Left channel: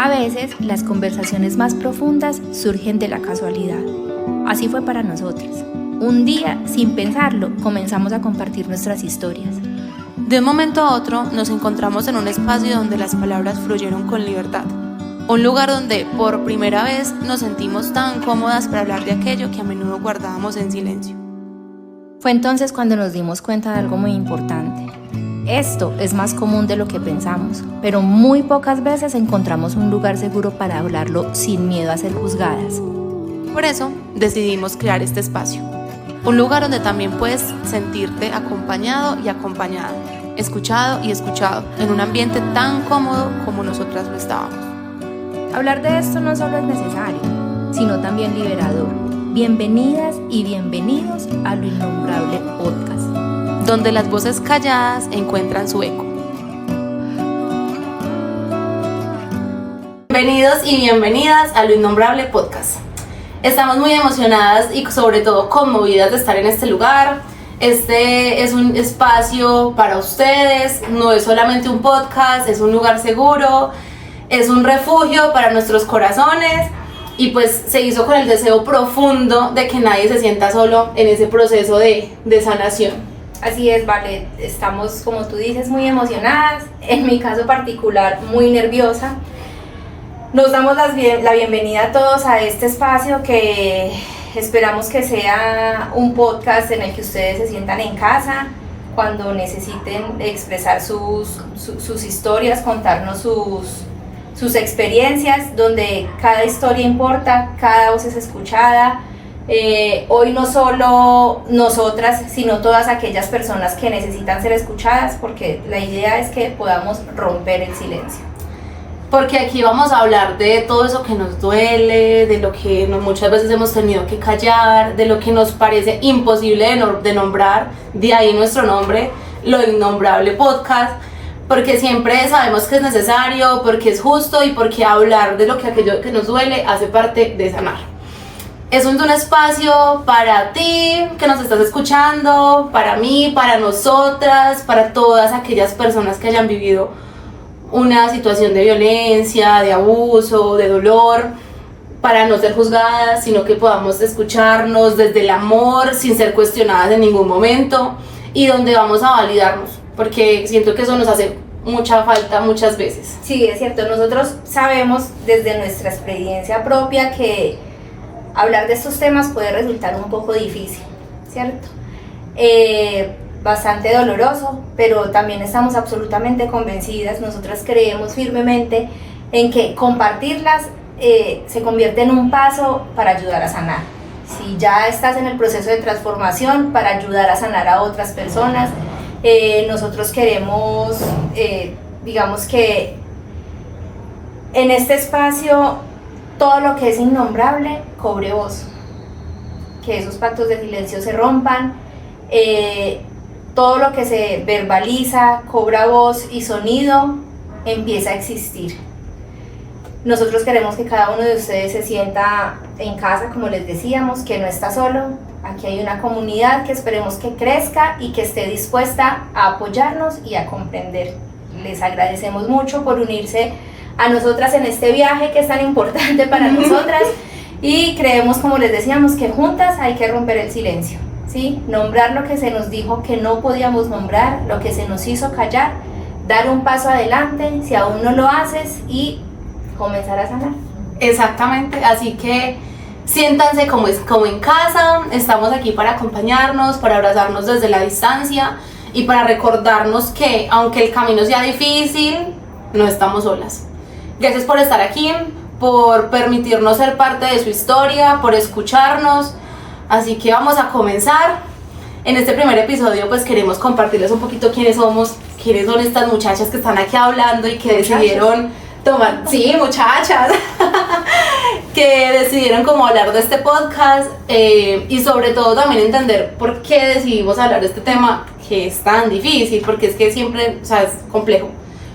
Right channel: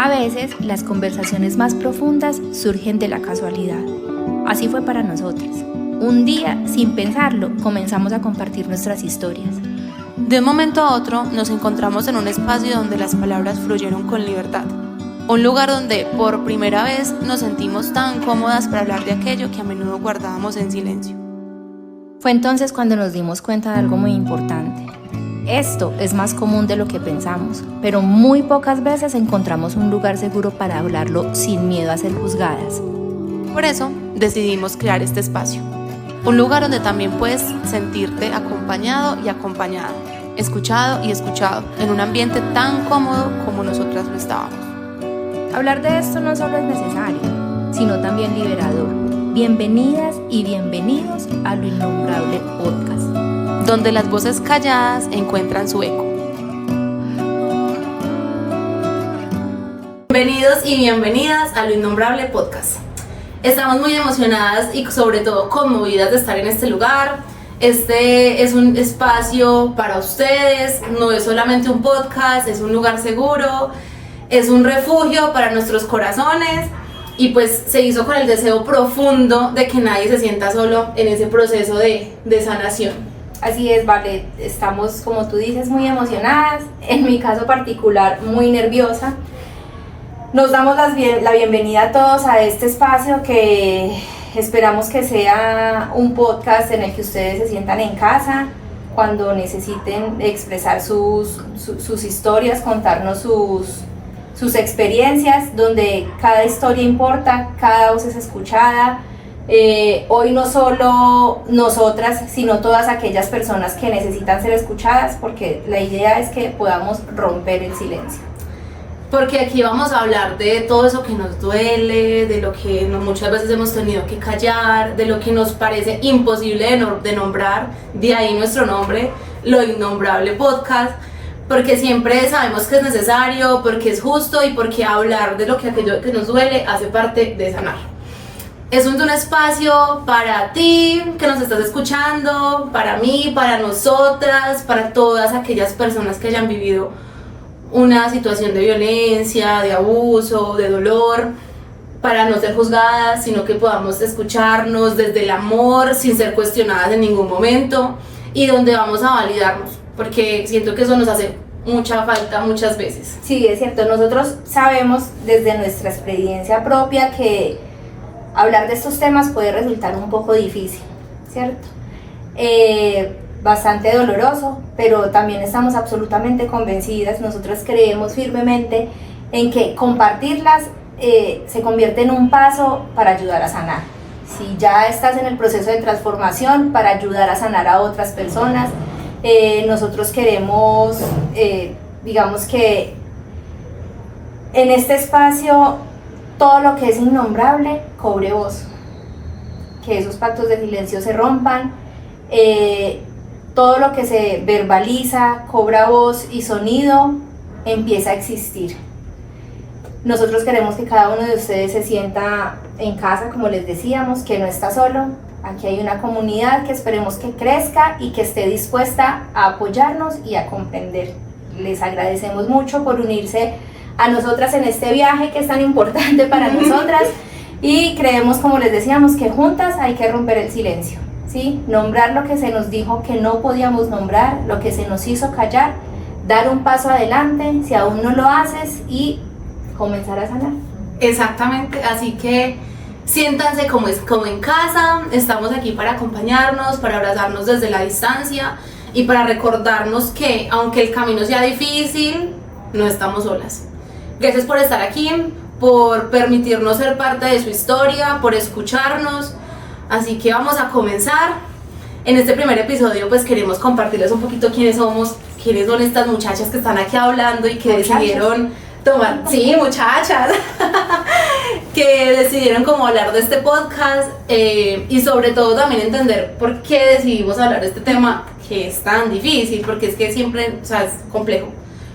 A veces, las conversaciones más profundas surgen de la casualidad. Así fue para nosotros. Un día, sin pensarlo, comenzamos a compartir nuestras historias. De un momento a otro, nos encontramos en un espacio donde las palabras fluyeron con libertad. Un lugar donde, por primera vez, nos sentimos tan cómodas para hablar de aquello que a menudo guardábamos en silencio. Fue entonces cuando nos dimos cuenta de algo muy importante. Esto es más común de lo que pensamos, pero muy pocas veces encontramos un lugar seguro para hablarlo sin miedo a ser juzgadas. Por eso, decidimos crear este espacio. Un lugar donde también puedes sentirte acompañado y acompañada, escuchado y escuchado, en un ambiente tan cómodo como nosotras lo estábamos. Hablar de esto no solo es necesario, sino también liberador. Bienvenidas y bienvenidos a Lo Innombrable Podcast, donde las voces calladas encuentran su eco. Bienvenidos y bienvenidas a Lo Innombrable Podcast. Estamos muy emocionadas y sobre todo conmovidas de estar en este lugar. Este es un espacio para ustedes, no es solamente un podcast, es un lugar seguro, es un refugio para nuestros corazones y pues se hizo con el deseo profundo de que nadie se sienta solo en ese proceso de sanación. Así es, Vale, estamos, como tú dices, muy emocionadas, en mi caso particular, muy nerviosa. Nos damos la bienvenida a todos a este espacio que esperamos que sea un podcast en el que ustedes se sientan en casa cuando necesiten expresar sus historias, contarnos sus experiencias, donde cada historia importa, cada voz es escuchada. Hoy no solo nosotras, sino todas aquellas personas que necesitan ser escuchadas, porque la idea es que podamos romper el silencio. Porque aquí vamos a hablar de todo eso que nos duele, de lo que muchas veces hemos tenido que callar, de lo que nos parece imposible de nombrar, de ahí nuestro nombre, Lo Innombrable Podcast, porque siempre sabemos que es necesario, porque es justo y porque hablar de aquello que nos duele hace parte de sanar. Es un espacio para ti que nos estás escuchando, para mí, para nosotras, para todas aquellas personas que hayan vivido una situación de violencia, de abuso, de dolor, para no ser juzgadas, sino que podamos escucharnos desde el amor, sin ser cuestionadas en ningún momento, y donde vamos a validarnos, porque siento que eso nos hace mucha falta muchas veces. Sí, es cierto, nosotros sabemos desde nuestra experiencia propia que hablar de estos temas puede resultar un poco difícil, ¿cierto? Bastante doloroso, pero también estamos absolutamente convencidas, nosotras creemos firmemente en que compartirlas se convierte en un paso para ayudar a sanar. Si ya estás en el proceso de transformación, para ayudar a sanar a otras personas, nosotros queremos, digamos que en este espacio todo lo que es innombrable cobre voz, que esos pactos de silencio se rompan, todo lo que se verbaliza, cobra voz y sonido, empieza a existir. Nosotros queremos que cada uno de ustedes se sienta en casa, como les decíamos, que no está solo. Aquí hay una comunidad que esperemos que crezca y que esté dispuesta a apoyarnos y a comprender. Les agradecemos mucho por unirse a nosotras en este viaje que es tan importante para nosotras y creemos, como les decíamos, que juntas hay que romper el silencio. ¿Sí? Nombrar lo que se nos dijo que no podíamos nombrar, lo que se nos hizo callar, dar un paso adelante si aún no lo haces y comenzar a sanar. Exactamente, así que siéntanse como en casa, estamos aquí para acompañarnos, para abrazarnos desde la distancia y para recordarnos que aunque el camino sea difícil, no estamos solas. Gracias por estar aquí, por permitirnos ser parte de su historia, por escucharnos. Así que vamos a comenzar. En este primer episodio pues queremos compartirles un poquito quiénes somos, quiénes son estas muchachas que están aquí hablando y que decidieron tomar, sí, muchachas, que decidieron como hablar de este podcast y sobre todo también entender por qué decidimos hablar de este tema que es tan difícil, porque es que siempre, o sea, es complejo,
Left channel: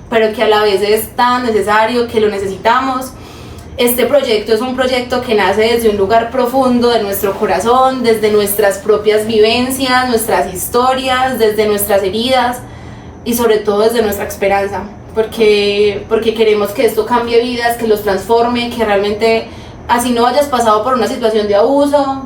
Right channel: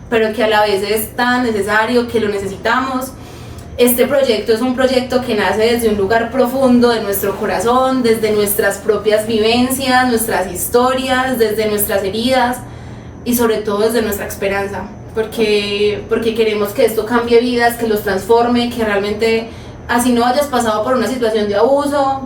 pero que a la vez es tan necesario, que lo necesitamos. Este proyecto es un proyecto que nace desde un lugar profundo de nuestro corazón, desde nuestras propias vivencias, nuestras historias, desde nuestras heridas y sobre todo desde nuestra esperanza. porque queremos que esto cambie vidas, que los transforme, que realmente así no hayas pasado por una situación de abuso,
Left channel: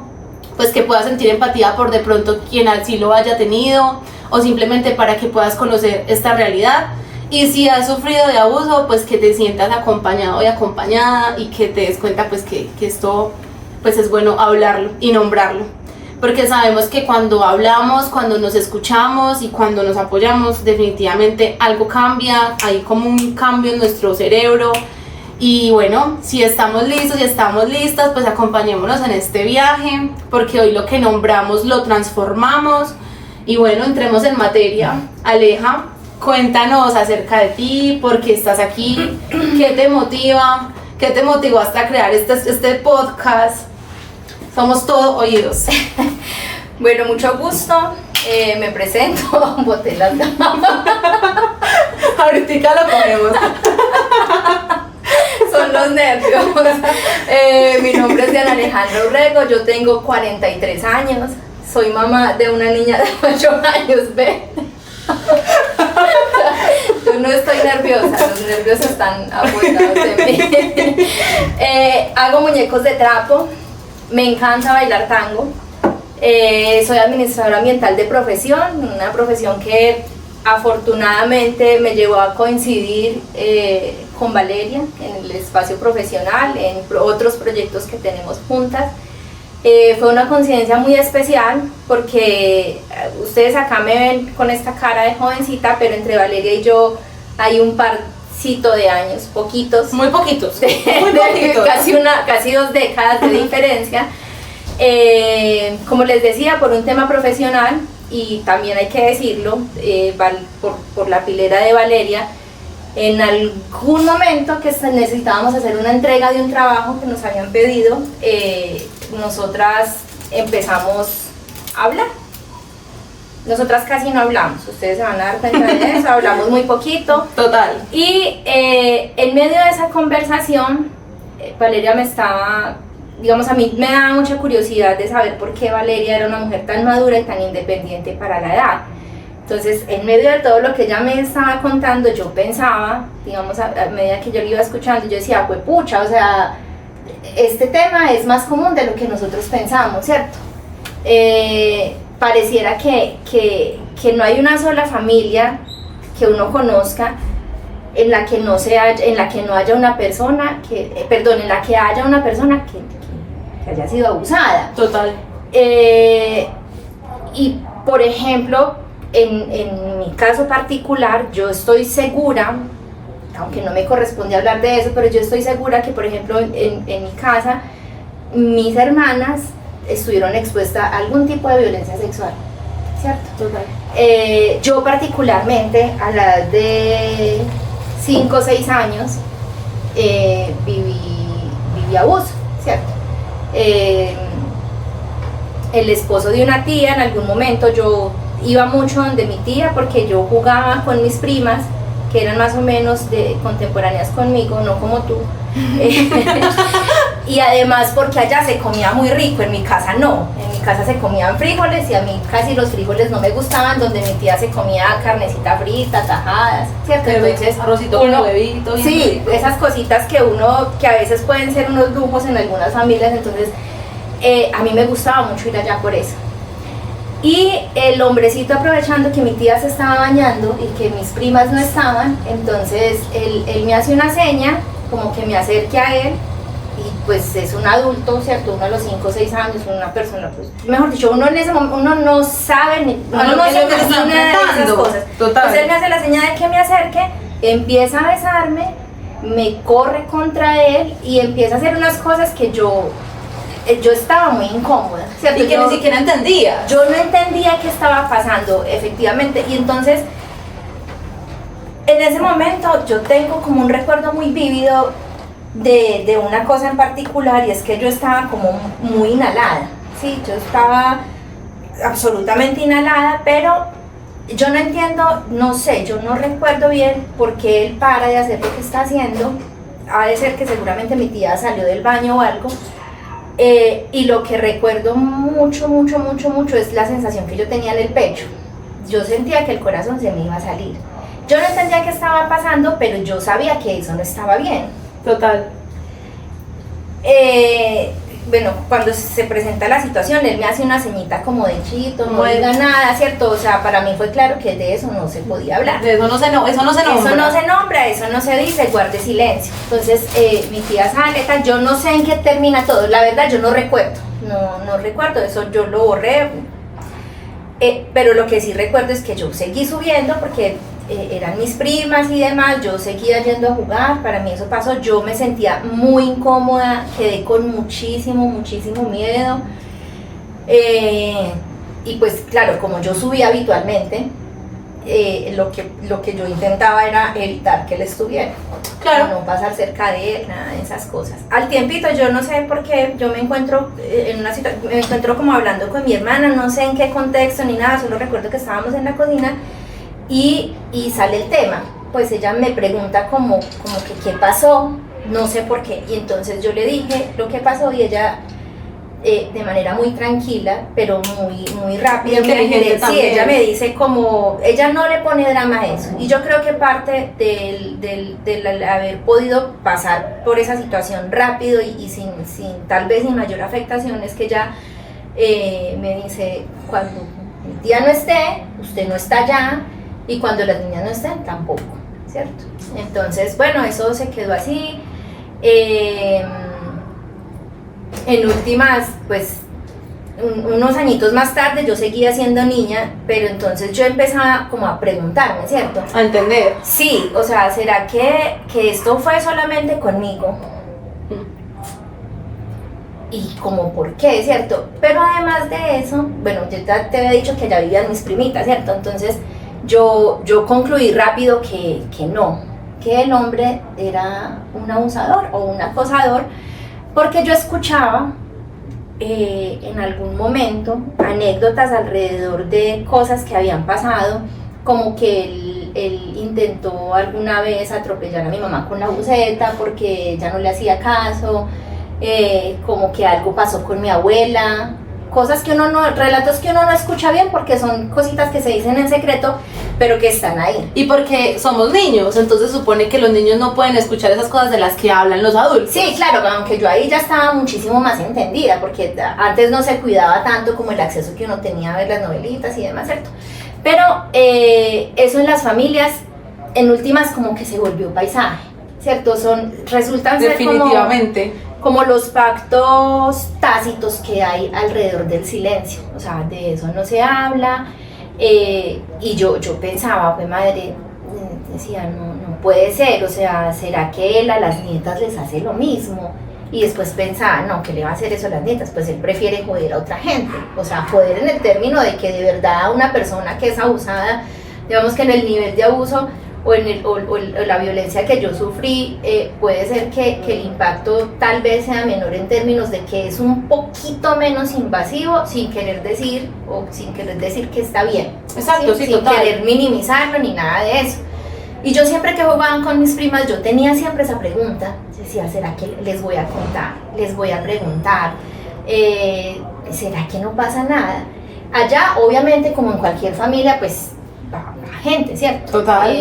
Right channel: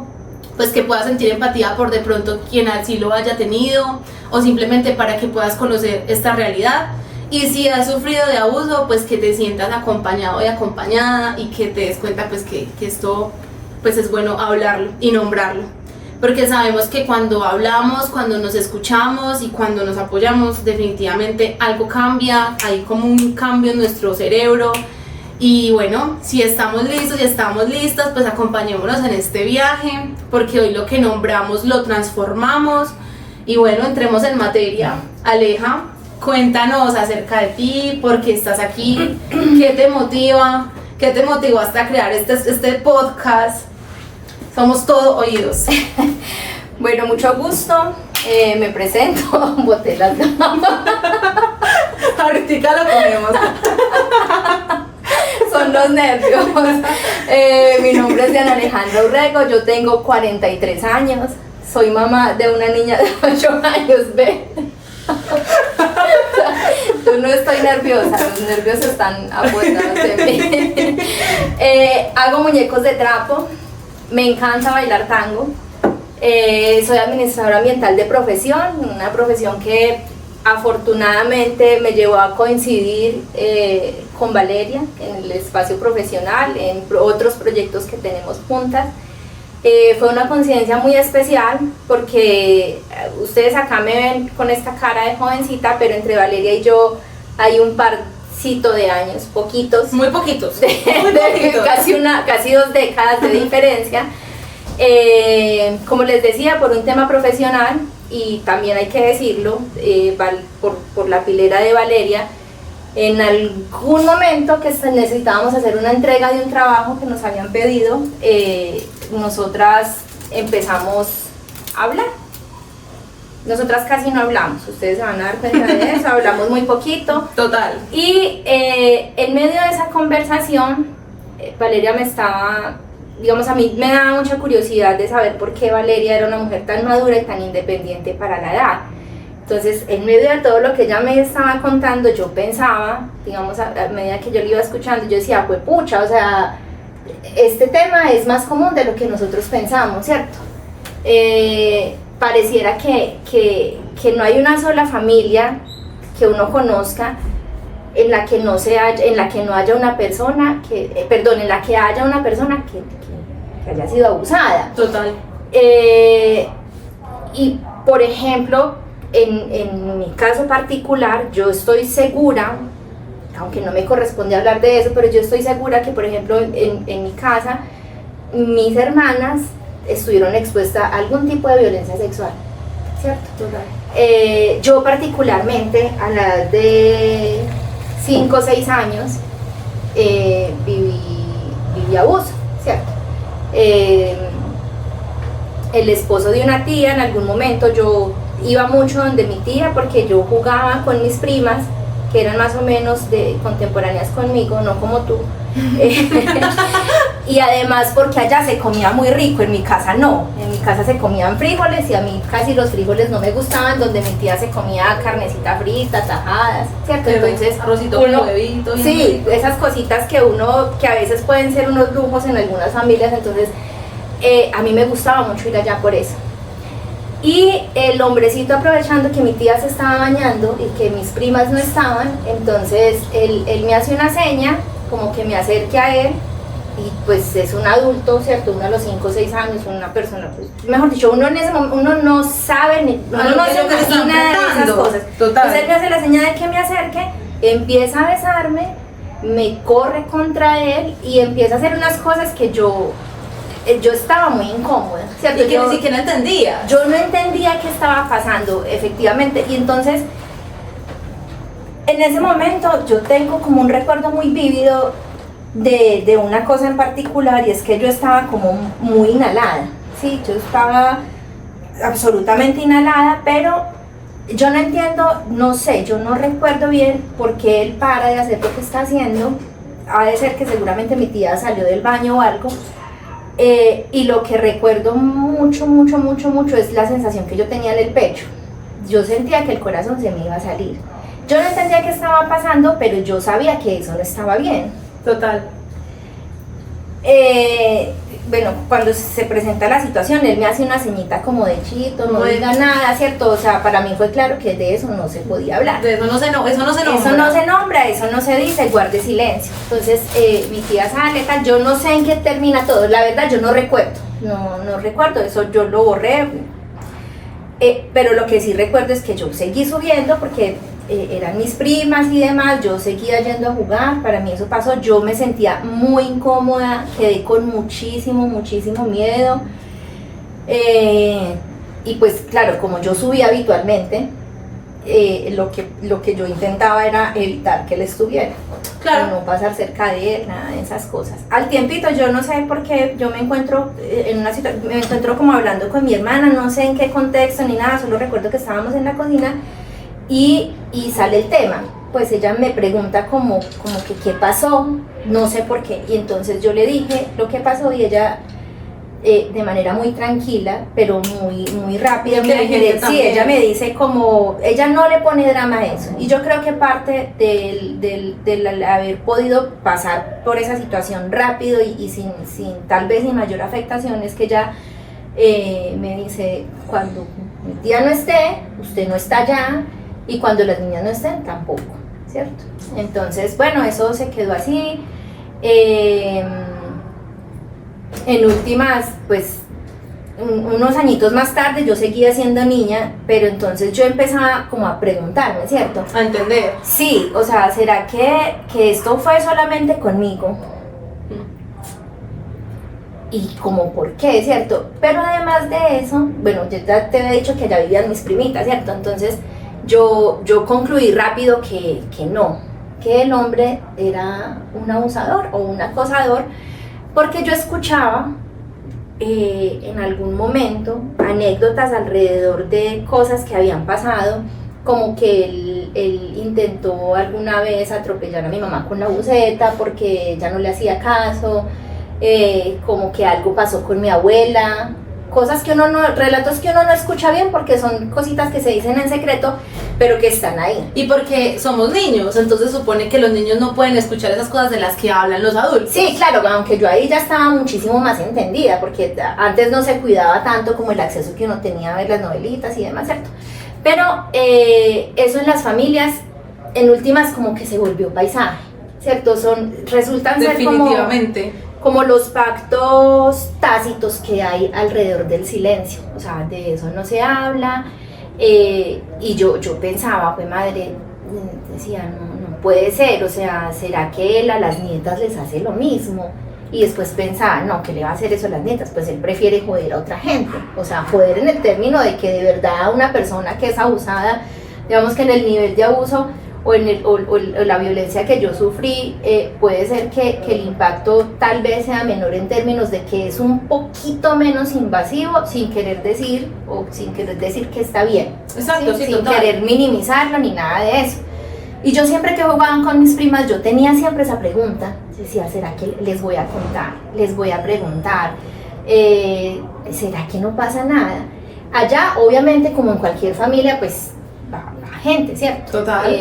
pues que puedas sentir empatía por de pronto quien así lo haya tenido, o simplemente para que puedas conocer esta realidad. Y si has sufrido de abuso, pues que te sientas acompañado y acompañada y que te des cuenta pues que esto pues es bueno hablarlo y nombrarlo. Porque sabemos que cuando hablamos, cuando nos escuchamos y cuando nos apoyamos, definitivamente algo cambia, hay como un cambio en nuestro cerebro. Y bueno, si estamos listos y estamos listas, pues acompañémonos en este viaje, porque hoy lo que nombramos lo transformamos. Y bueno, entremos en materia. Aleja, cuéntanos acerca de ti, por qué estás aquí, qué te motiva, qué te motivó hasta crear este podcast. Somos todo oídos. Bueno, mucho gusto. Me presento, boté las Ahorita lo ponemos. Son los nervios. Mi nombre es Diana Alejandra Urrego, yo tengo 43 años, soy mamá de una niña de 8 años, ¿ve? Yo no estoy nerviosa, los nervios están apostados en mí. Hago muñecos de trapo, me encanta bailar tango, soy administradora ambiental de profesión, una profesión que afortunadamente me llevó a coincidir con Valeria en el espacio profesional, en otros proyectos que tenemos juntas. Fue una coincidencia muy especial porque ustedes acá me ven con esta cara de jovencita, pero entre Valeria y yo hay un parcito de años, poquitos. Muy poquitos. Casi 2 décadas de diferencia. Como les decía, por un tema profesional, y también hay que decirlo, por la pilera de Valeria, en algún momento que necesitábamos hacer una entrega de un trabajo que nos habían pedido, nosotras empezamos a hablar. Nosotras casi no hablamos, ustedes se van a dar cuenta de eso, hablamos muy poquito. Total. Y en medio de esa conversación, Valeria me estaba, digamos, a mí me daba mucha curiosidad de saber por qué Valeria era una mujer tan madura y tan independiente para la edad. Entonces, en medio de todo lo que ella me estaba contando, yo pensaba, digamos, a medida que yo lo iba escuchando, yo decía, pues pucha, o sea, este tema es más común de lo que nosotros pensamos, ¿cierto? Pareciera que no hay una sola familia que uno conozca en la que no haya una persona en la que haya una persona que haya sido abusada. Total. Y por ejemplo, en mi caso particular, yo estoy segura, aunque no me corresponde hablar de eso, pero yo estoy segura que, por ejemplo, en mi casa, mis hermanas estuvieron expuestas a algún tipo de violencia sexual, ¿cierto? Total. Yo particularmente, a la edad de 5 o 6 años, viví abuso, ¿cierto? El esposo de una tía, en algún momento yo iba mucho donde mi tía porque yo jugaba con mis primas que eran más o menos contemporáneas conmigo, no como tú. Y además porque allá se comía muy rico, en mi casa no, en mi casa se comían frijoles y a mí casi los frijoles no me gustaban, donde mi tía se comía carnecita frita, tajadas, ¿cierto? Entonces arrocito con huevito. Sí, esas cositas que a veces pueden ser unos lujos en algunas familias, entonces a mí me gustaba mucho ir allá por eso. Y el hombrecito, aprovechando que mi tía se estaba bañando y que mis primas no estaban, entonces él me hace una seña, como que me acerque a él, y pues es un adulto, ¿cierto? Uno a los 5 o 6 años, una persona, pues, mejor dicho, uno en ese momento, uno no sabe, uno no se imagina de esas cosas. Total. Entonces él me hace la seña de que me acerque, empieza a besarme, me corre contra él y empieza a hacer unas cosas que yo estaba muy incómoda, ¿cierto? Y que ni siquiera entendía. Yo no entendía qué estaba pasando, efectivamente, y entonces, en ese momento, yo tengo como un recuerdo muy vívido de una cosa en particular, y es que yo estaba como muy inhalada, ¿sí? Yo estaba absolutamente inhalada, pero yo no entiendo, no sé, yo no recuerdo bien por qué él para de hacer lo que está haciendo. Ha de ser que seguramente mi tía salió del baño o algo. Y lo que recuerdo mucho es la sensación que yo tenía en el pecho. Yo sentía que el corazón se me iba a salir. Yo no entendía qué estaba pasando, pero yo sabía que eso no estaba bien. Total. Bueno, cuando se presenta la situación, él me hace una ceñita como de chito, no Bueno. diga nada, ¿cierto? O sea, para mí fue claro que de eso no se podía hablar. De eso no se nombra. Eso no se nombra, eso no se dice, guarde silencio. Entonces, mi tía sale, tal, yo no sé en qué termina todo, la verdad yo no recuerdo, no recuerdo, eso yo lo borré. Pero lo que sí recuerdo es que yo seguí subiendo porque eran mis primas y demás, yo seguía yendo a jugar, para mí eso pasó, yo me sentía muy incómoda, quedé con muchísimo miedo, y pues claro, como yo subía habitualmente, lo que yo intentaba era evitar que él estuviera, Claro. no pasar cerca de él, nada de esas cosas. Al tiempito, yo no sé por qué, yo me encuentro en una situación, me encuentro como hablando con mi hermana, no sé en qué contexto ni nada, solo recuerdo que estábamos en la cocina y sale el tema. Pues ella me pregunta como que qué pasó, no sé por qué, y entonces yo le dije lo que pasó y ella de manera muy tranquila, pero muy rápida, muy Inteligente sí, también. ella me dice como, ella no le pone drama a eso, y yo creo que parte del haber podido pasar por esa situación rápido y sin tal vez sin mayor afectación es que ella me dice, cuando mi tía no esté, usted no está allá, y cuando las niñas no estén, tampoco, ¿cierto? Entonces, bueno, eso se quedó así. En últimas, pues unos añitos más tarde yo seguía siendo niña, pero entonces yo empezaba como a preguntarme, ¿cierto? A entender. Sí, o sea, ¿será que esto fue solamente conmigo? Y como por qué, ¿cierto? Pero además de eso, bueno, yo te había dicho que allá vivían mis primitas, ¿cierto? Entonces yo concluí rápido que no, que el hombre era un abusador o un acosador, porque yo escuchaba en algún momento anécdotas alrededor de cosas que habían pasado, como que él intentó alguna vez atropellar a mi mamá con la buceta porque ella no le hacía caso, como que algo pasó con mi abuela, cosas que relatos que uno no escucha bien porque son cositas que se dicen en secreto, pero que están ahí. Y porque somos niños, entonces supone que los niños no pueden escuchar esas cosas de las que hablan los adultos. Sí, claro, aunque yo ahí ya estaba muchísimo más entendida, porque antes no se cuidaba tanto como el acceso que uno tenía a ver las novelitas y demás, ¿cierto? Pero eso en las familias, en últimas, como que se volvió paisaje, ¿cierto? Resultan ser Definitivamente. como los pactos tácitos que hay alrededor del silencio, o sea, de eso no se habla, y yo pensaba, pues madre, decía, no puede ser, o sea, ¿será que él a las nietas les hace lo mismo? Y después pensaba, no, ¿qué le va a hacer eso a las nietas? Pues él prefiere joder a otra gente, o sea, joder en el término de que de verdad una persona que es abusada, digamos que en el nivel de abuso o la violencia que yo sufrí, puede ser que el impacto tal vez sea menor en términos de que es un poquito menos invasivo, sin querer decir que está bien. Exacto, sí, sin total. querer minimizarlo ni nada de eso. Y yo siempre que jugaban con mis primas, yo tenía siempre esa pregunta, decía, ¿será que les voy a contar? Les voy a preguntar, ¿será que no pasa nada? Allá, obviamente, como en cualquier familia, pues va gente, ¿cierto? Total.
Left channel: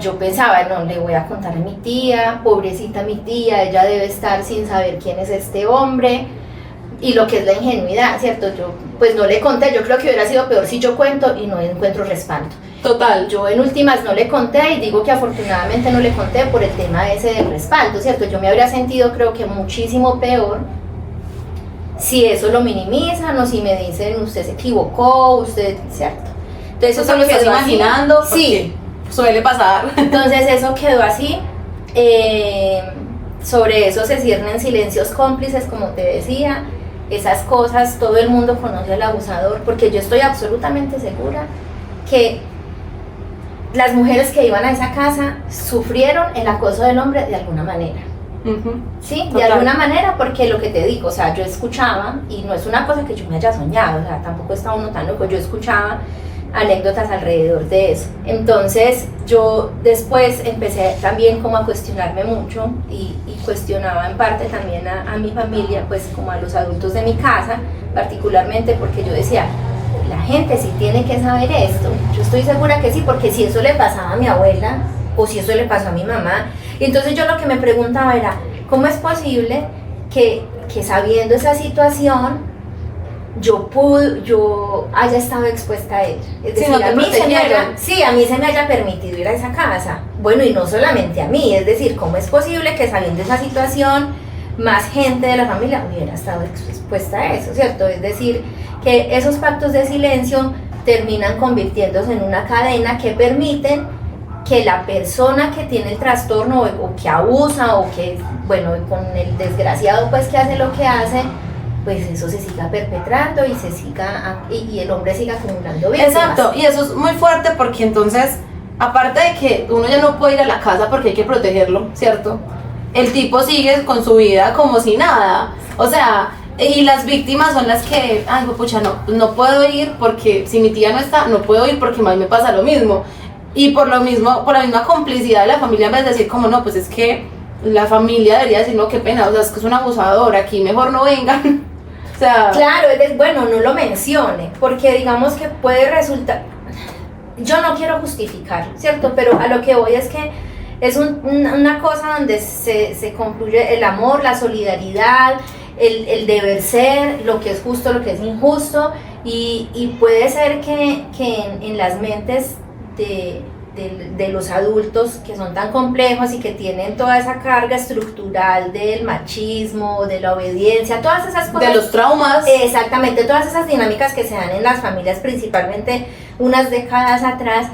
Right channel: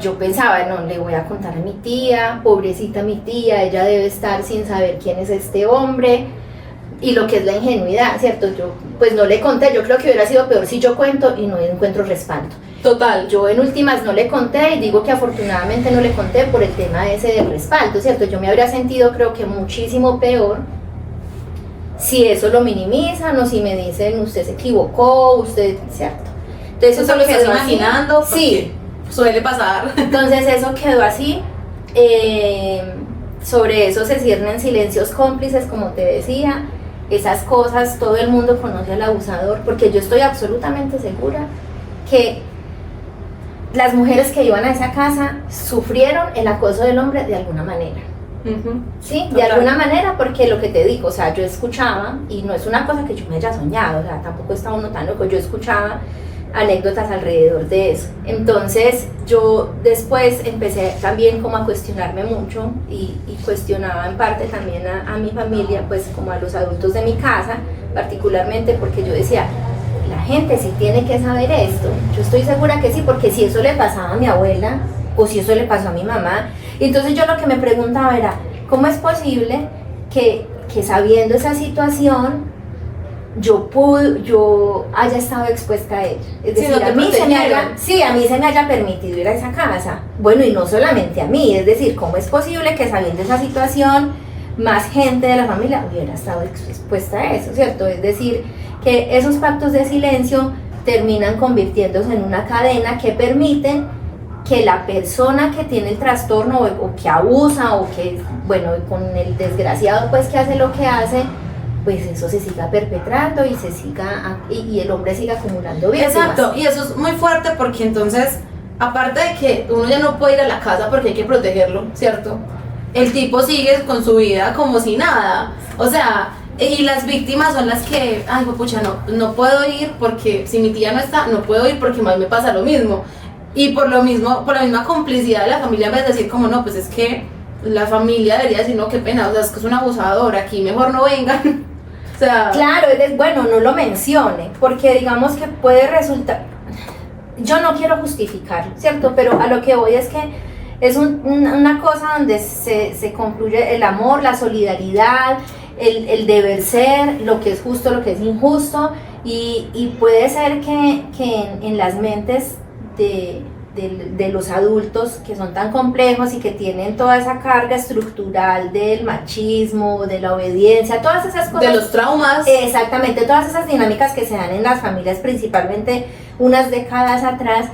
Yo pensaba, no, le voy a contar a mi tía, pobrecita mi tía, ella debe estar sin saber quién es este hombre, y lo que es la ingenuidad, ¿cierto? Yo pues no le conté, yo creo que hubiera sido peor si yo cuento y no encuentro respaldo. Total. Yo en últimas no le conté, y digo que afortunadamente no le conté por el tema ese del respaldo, ¿cierto? Yo me habría sentido, creo que muchísimo peor si eso lo minimizan o si me dicen, usted se equivocó, usted, ¿cierto? Entonces Eso lo estás quedó así. imaginando. Sí. Suele pasar. Entonces eso quedó así. Sobre eso se ciernen silencios cómplices, como te decía. Esas cosas, todo el mundo conoce al abusador, porque yo estoy absolutamente segura que las mujeres que iban a esa casa sufrieron el acoso del hombre de alguna manera. Sí, Total. de alguna manera, porque lo que te digo, o sea, yo escuchaba, y no es una cosa que yo me haya soñado, o sea, tampoco estaba uno tan loco, yo escuchaba anécdotas alrededor de eso. Entonces yo después empecé también como a cuestionarme mucho, y cuestionaba en parte también a mi familia, pues como a los adultos de mi casa, particularmente porque yo decía, la gente sí tiene que saber esto. Yo estoy segura que sí, porque si eso le pasaba a mi abuela, o si eso le pasó a mi mamá, y entonces yo lo que me preguntaba era, ¿cómo es posible que sabiendo esa situación, yo haya estado expuesta a ella? Es decir, no a mí se me haya permitido ir a esa casa. Bueno, y no solamente a mí, es decir, ¿cómo es posible que sabiendo esa situación, más gente de la familia hubiera estado expuesta a eso, ¿cierto? Es decir, que esos pactos de silencio terminan convirtiéndose en una cadena que permiten que la persona que tiene el trastorno o que abusa o que, bueno, con el desgraciado pues que hace lo que hace, pues eso se siga perpetrando y y el hombre siga acumulando víctimas. Exacto, y eso es muy fuerte porque entonces, aparte de que uno ya no puede ir a la casa porque hay que protegerlo, ¿cierto? El tipo sigue con su vida como si nada, o sea, y las víctimas son las que, ay, pucha, no puedo ir porque si mi tía no está, no puedo ir porque a mí me pasa lo mismo. Y por la misma complicidad de la familia, en vez de decir como, no, pues es que la familia debería decir, no, qué pena, o sea, es que es un abusador, aquí mejor no vengan. O sea, claro, bueno, no lo mencione, porque digamos que puede resultar, yo no quiero justificar, ¿cierto? Pero a lo que voy es que es una cosa donde se concluye el amor, la solidaridad, el deber ser, lo que es justo, lo que es injusto, y puede ser que en las mentes de los adultos que son tan complejos y que tienen toda esa carga estructural del machismo, de la obediencia, todas esas cosas, de los traumas, exactamente, todas esas dinámicas que se dan en las familias principalmente unas décadas atrás,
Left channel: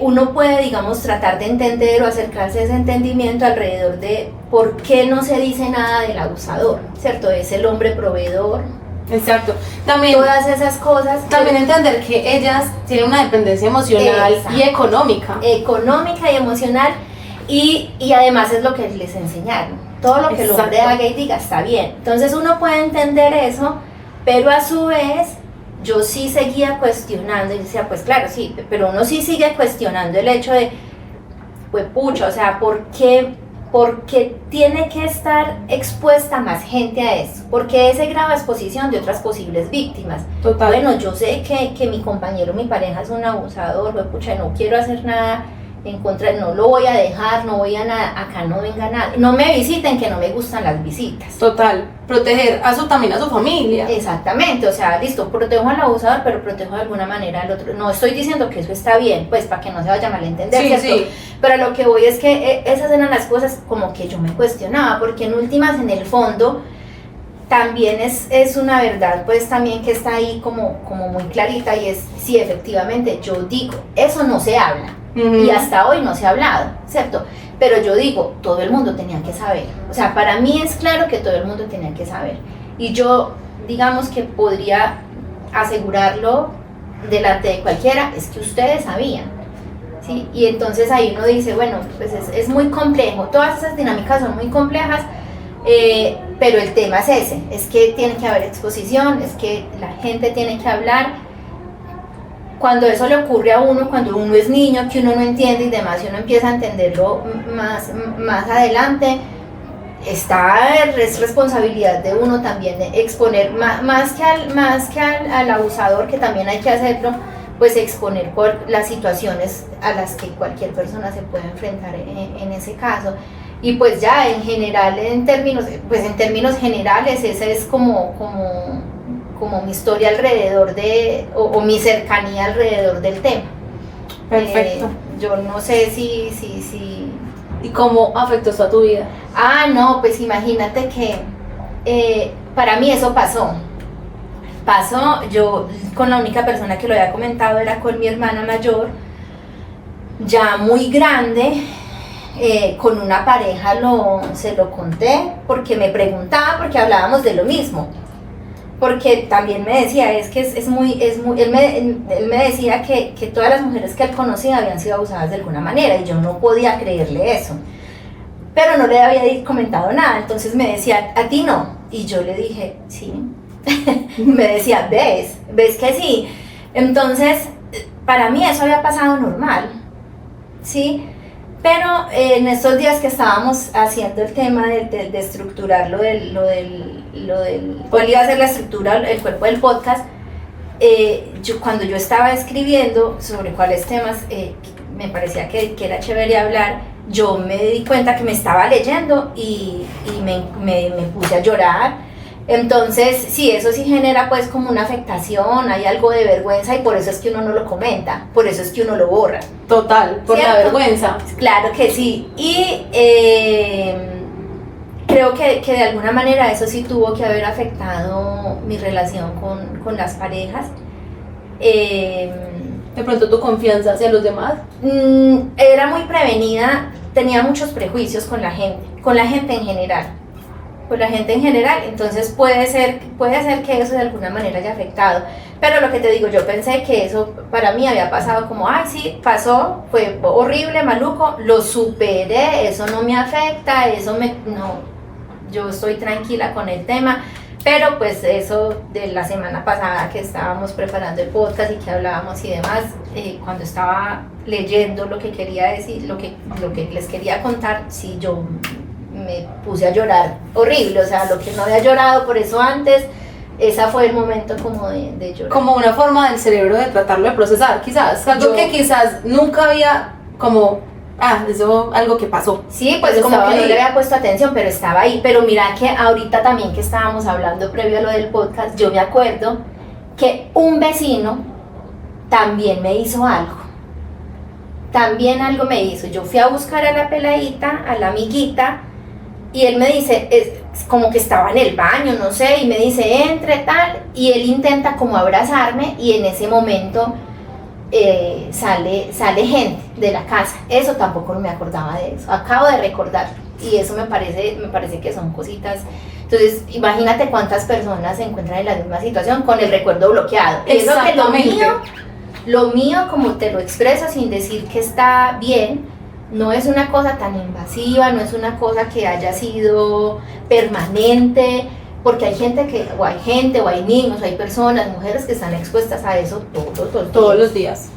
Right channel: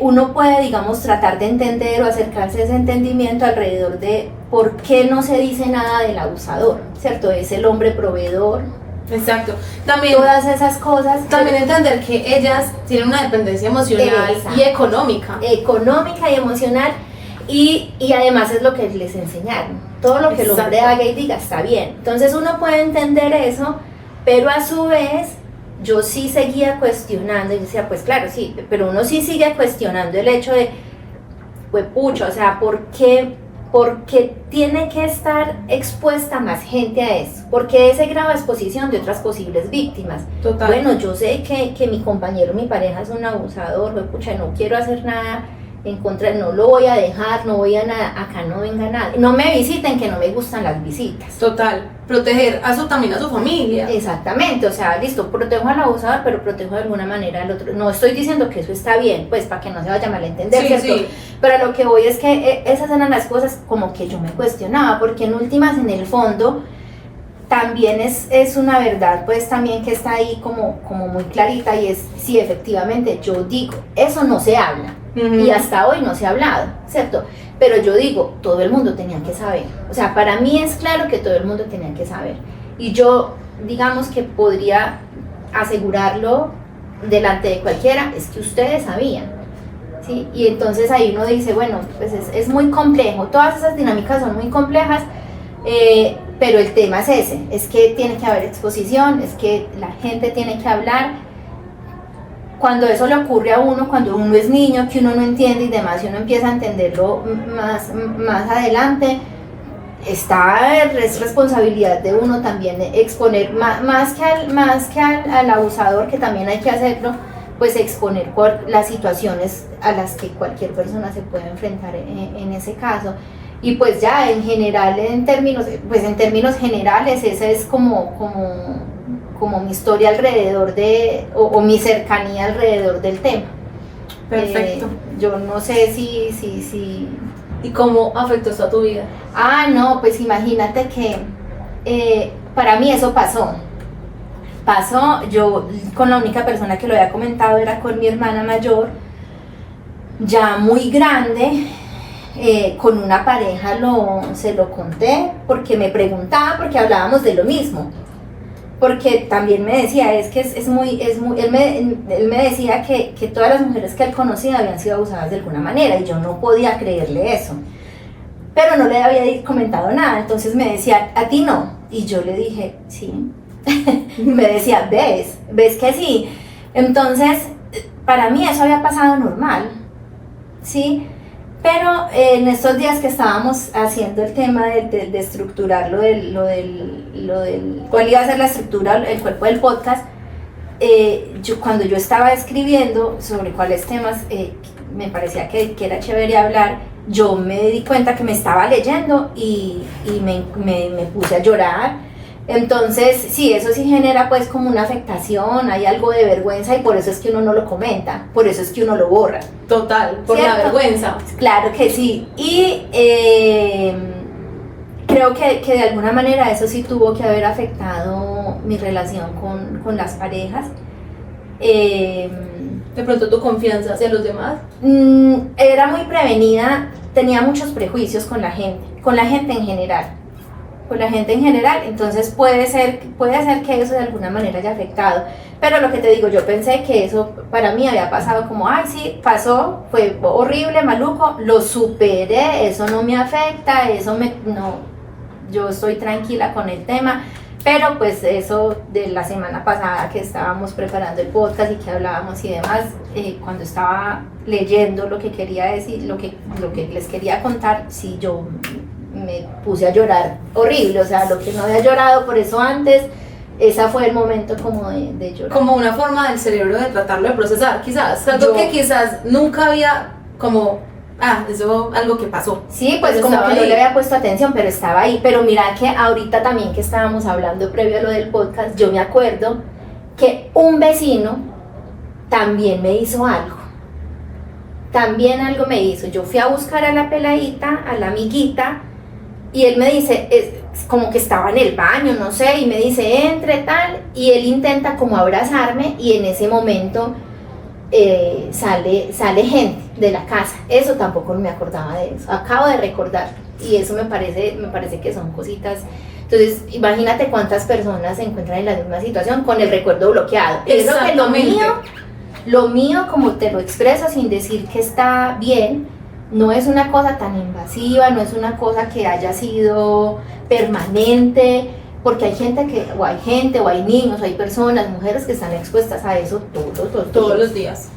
uno puede, digamos, tratar de entender o acercarse a ese entendimiento alrededor de por qué no se dice nada del abusador, ¿cierto? Es el hombre proveedor. Exacto. También todas esas cosas. También entender que ellas tienen una dependencia emocional y económica. Económica y emocional, y además es lo que les enseñaron. Todo lo que el hombre haga y diga está bien. Entonces uno puede entender eso, pero a su vez yo sí seguía cuestionando y decía, pues claro, sí, pero uno sí sigue cuestionando el hecho de, pues pucha, o sea, ¿por qué tiene que estar expuesta más gente a eso? ¿Por qué ese grado de exposición de otras posibles víctimas? Total. Bueno, yo sé que mi compañero, mi pareja es un abusador, pues pucha, no quiero hacer nada en contra, no lo voy a dejar, no voy a nada, acá no venga nada, no me visiten, que no me gustan las visitas. Total, proteger también a su familia. Exactamente, o sea, listo, protejo al abusador, pero protejo de alguna manera al otro. No estoy diciendo que eso está bien, pues para que no se vaya a malentender, ¿cierto? Sí. Pero lo que voy es que esas eran las cosas como que yo me cuestionaba, porque en últimas, en el fondo, también es una verdad, pues también que está ahí como muy clarita, y es, sí, efectivamente, yo digo, eso no se habla. Y hasta hoy no se ha hablado, ¿cierto? Pero yo digo, todo el mundo tenía que saber. O sea, para mí es claro que todo el mundo tenía que saber. Y yo, digamos que podría asegurarlo delante de cualquiera, es que ustedes sabían, ¿sí? Y entonces ahí uno dice, bueno, pues es muy complejo. Todas esas dinámicas son muy complejas, pero el tema es ese, es que tiene que haber exposición, es que la gente tiene que hablar. Cuando eso le ocurre a uno, cuando uno es niño, que uno no entiende y demás, y uno empieza a entenderlo más adelante, es responsabilidad de uno también de exponer, más que al abusador, que también hay que hacerlo, pues exponer por las situaciones a las que cualquier persona se puede enfrentar en ese caso. Y pues ya en general, en términos generales, esa es como mi historia alrededor o mi cercanía alrededor del tema. Perfecto. Yo no sé si... ¿Y cómo afectó esto a tu vida? No, pues imagínate que para mí eso pasó. Yo con la única persona que lo había comentado era con mi hermana mayor, ya muy grande. Con una pareja se lo conté porque me preguntaba, porque hablábamos de lo mismo. Porque también me decía, es que él me decía que todas las mujeres que él conocía habían sido abusadas de alguna manera, y yo no podía creerle eso, pero no le había comentado nada. Entonces me decía, ¿a ti no? Y yo le dije, sí. Me decía, ¿ves que sí? Entonces, para mí eso había pasado normal, ¿sí? Pero en estos días que estábamos haciendo el tema de estructurar lo del cuál iba a ser la estructura, el cuerpo del podcast, cuando yo estaba escribiendo sobre cuáles temas me parecía que era chévere hablar, yo me di cuenta que me estaba leyendo y me puse a llorar. Entonces, sí, eso sí genera pues como una afectación, hay algo de vergüenza y por eso es que uno no lo comenta, por eso es que uno lo borra. Total, por la vergüenza. Claro que sí. Y creo que de alguna manera eso sí tuvo que haber afectado mi relación con las parejas. De pronto tu confianza hacia los demás. Era muy prevenida, tenía muchos prejuicios con la gente en general. Con la gente en general, entonces puede ser que eso de alguna manera haya afectado, pero lo que te digo, yo pensé que eso para mí había pasado como, ay sí, pasó, fue horrible, maluco, lo superé, eso no me afecta, no, yo estoy tranquila con el tema, pero pues eso de la semana pasada que estábamos preparando el podcast y que hablábamos y demás, cuando estaba leyendo lo que quería decir, lo que les quería contar, sí, yo me puse a llorar horrible, o sea, lo que no había llorado por eso antes, ese fue el momento como de llorar. Como una forma del cerebro de tratarlo de procesar, quizás, algo que quizás nunca había como, eso, algo que pasó. Sí, pues como que no le había puesto atención, pero estaba ahí, pero mira que ahorita también que estábamos hablando previo a lo del podcast, yo me acuerdo que un vecino también me hizo algo. También algo me hizo, yo fui a buscar a la peladita, a la amiguita, y él me dice, como que estaba en el baño, no sé, y me dice, entre tal, y él intenta como abrazarme, y en ese momento sale gente de la casa. Eso tampoco me acordaba de eso, acabo de recordar, y eso me parece que son cositas. Entonces, imagínate cuántas personas se encuentran en la misma situación con el recuerdo bloqueado. Eso que lo mío, como te lo expreso sin decir que está bien, no es una cosa tan invasiva, no es una cosa que haya sido permanente, porque hay gente o hay niños, hay personas, mujeres que están expuestas a eso todos los días.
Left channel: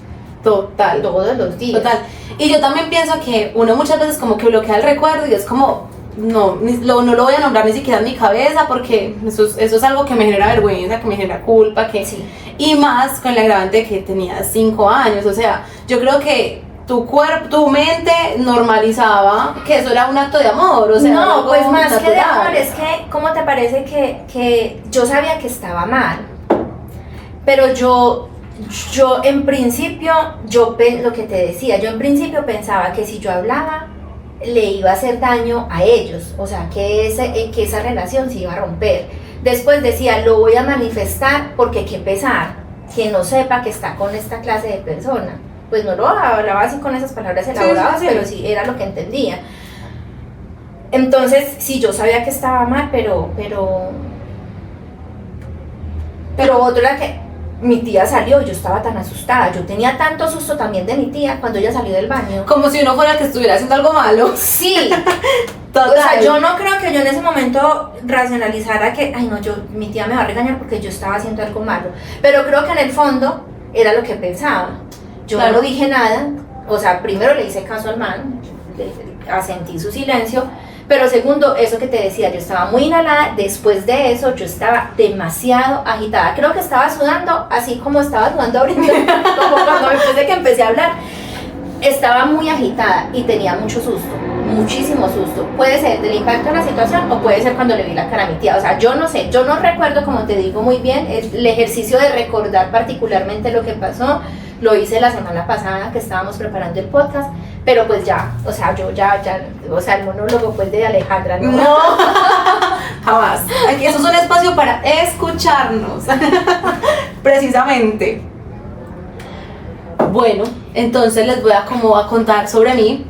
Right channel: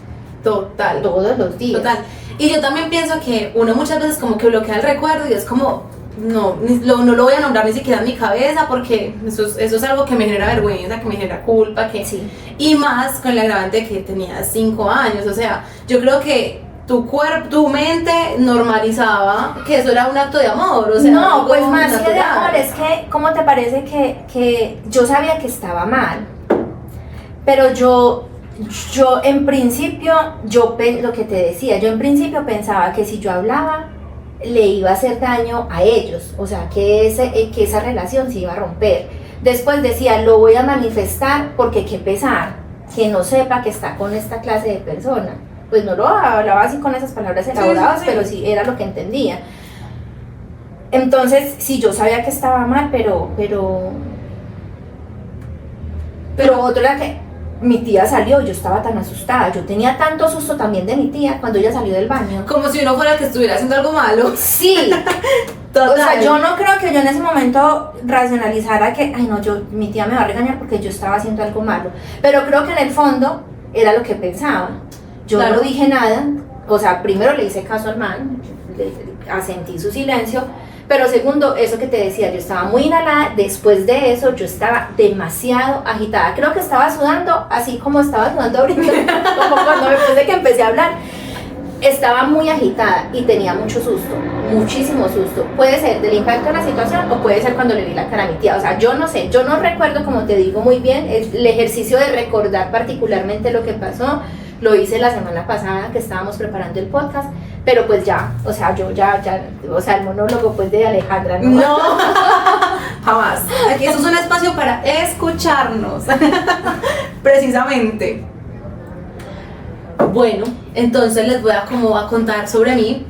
Total. Todos los días. Total. Y yo también pienso que uno muchas veces como que bloquea el recuerdo y es como, no lo voy a nombrar ni siquiera en mi cabeza porque eso es algo que me genera vergüenza, que me genera culpa, sí. Y más con el agravante de que tenía 5 años, o sea, yo creo que tu mente normalizaba que eso era un acto de amor, o sea, no, pues más natural. Que de amor, es que, ¿cómo te parece que yo sabía que estaba mal? Pero yo en principio, lo que te decía, yo en principio pensaba que si yo hablaba, le iba a hacer daño a ellos, o sea, que esa relación se iba a romper. Después decía, lo voy a manifestar porque qué pesar, que no sepa que está con esta clase de persona. Pues no lo hablaba así con esas palabras elaboradas, sí. Pero sí era lo que entendía. Entonces, sí, yo sabía que estaba mal, pero otro era que mi tía salió, yo estaba tan asustada, yo tenía tanto susto también de mi tía cuando ella salió del baño. Como si uno fuera el que estuviera haciendo algo malo. Sí. Total. O sea, yo no creo que yo en ese momento racionalizara que, ay no, mi tía me va a regañar porque yo estaba haciendo algo malo. Pero creo que en el fondo era lo que pensaba. Yo claro. No dije nada, o sea, primero le hice caso al man, asentí su silencio, pero segundo, eso que te decía, yo estaba muy inhalada, después de eso yo estaba demasiado agitada, creo que estaba sudando, así como estaba sudando ahorita, como cuando después de que empecé a hablar, estaba muy agitada y tenía mucho susto, muchísimo susto, puede ser del impacto de la situación o puede ser cuando le vi la cara a mi tía, o sea, yo no sé, yo no recuerdo, como te digo muy bien, el ejercicio de recordar particularmente lo que pasó, lo hice la semana pasada que estábamos preparando el podcast, pero pues ya, o sea, yo ya, o sea, el monólogo pues de Alejandra, no, jamás. Aquí eso es un espacio para escucharnos, precisamente. Bueno, entonces les voy a contar sobre mí.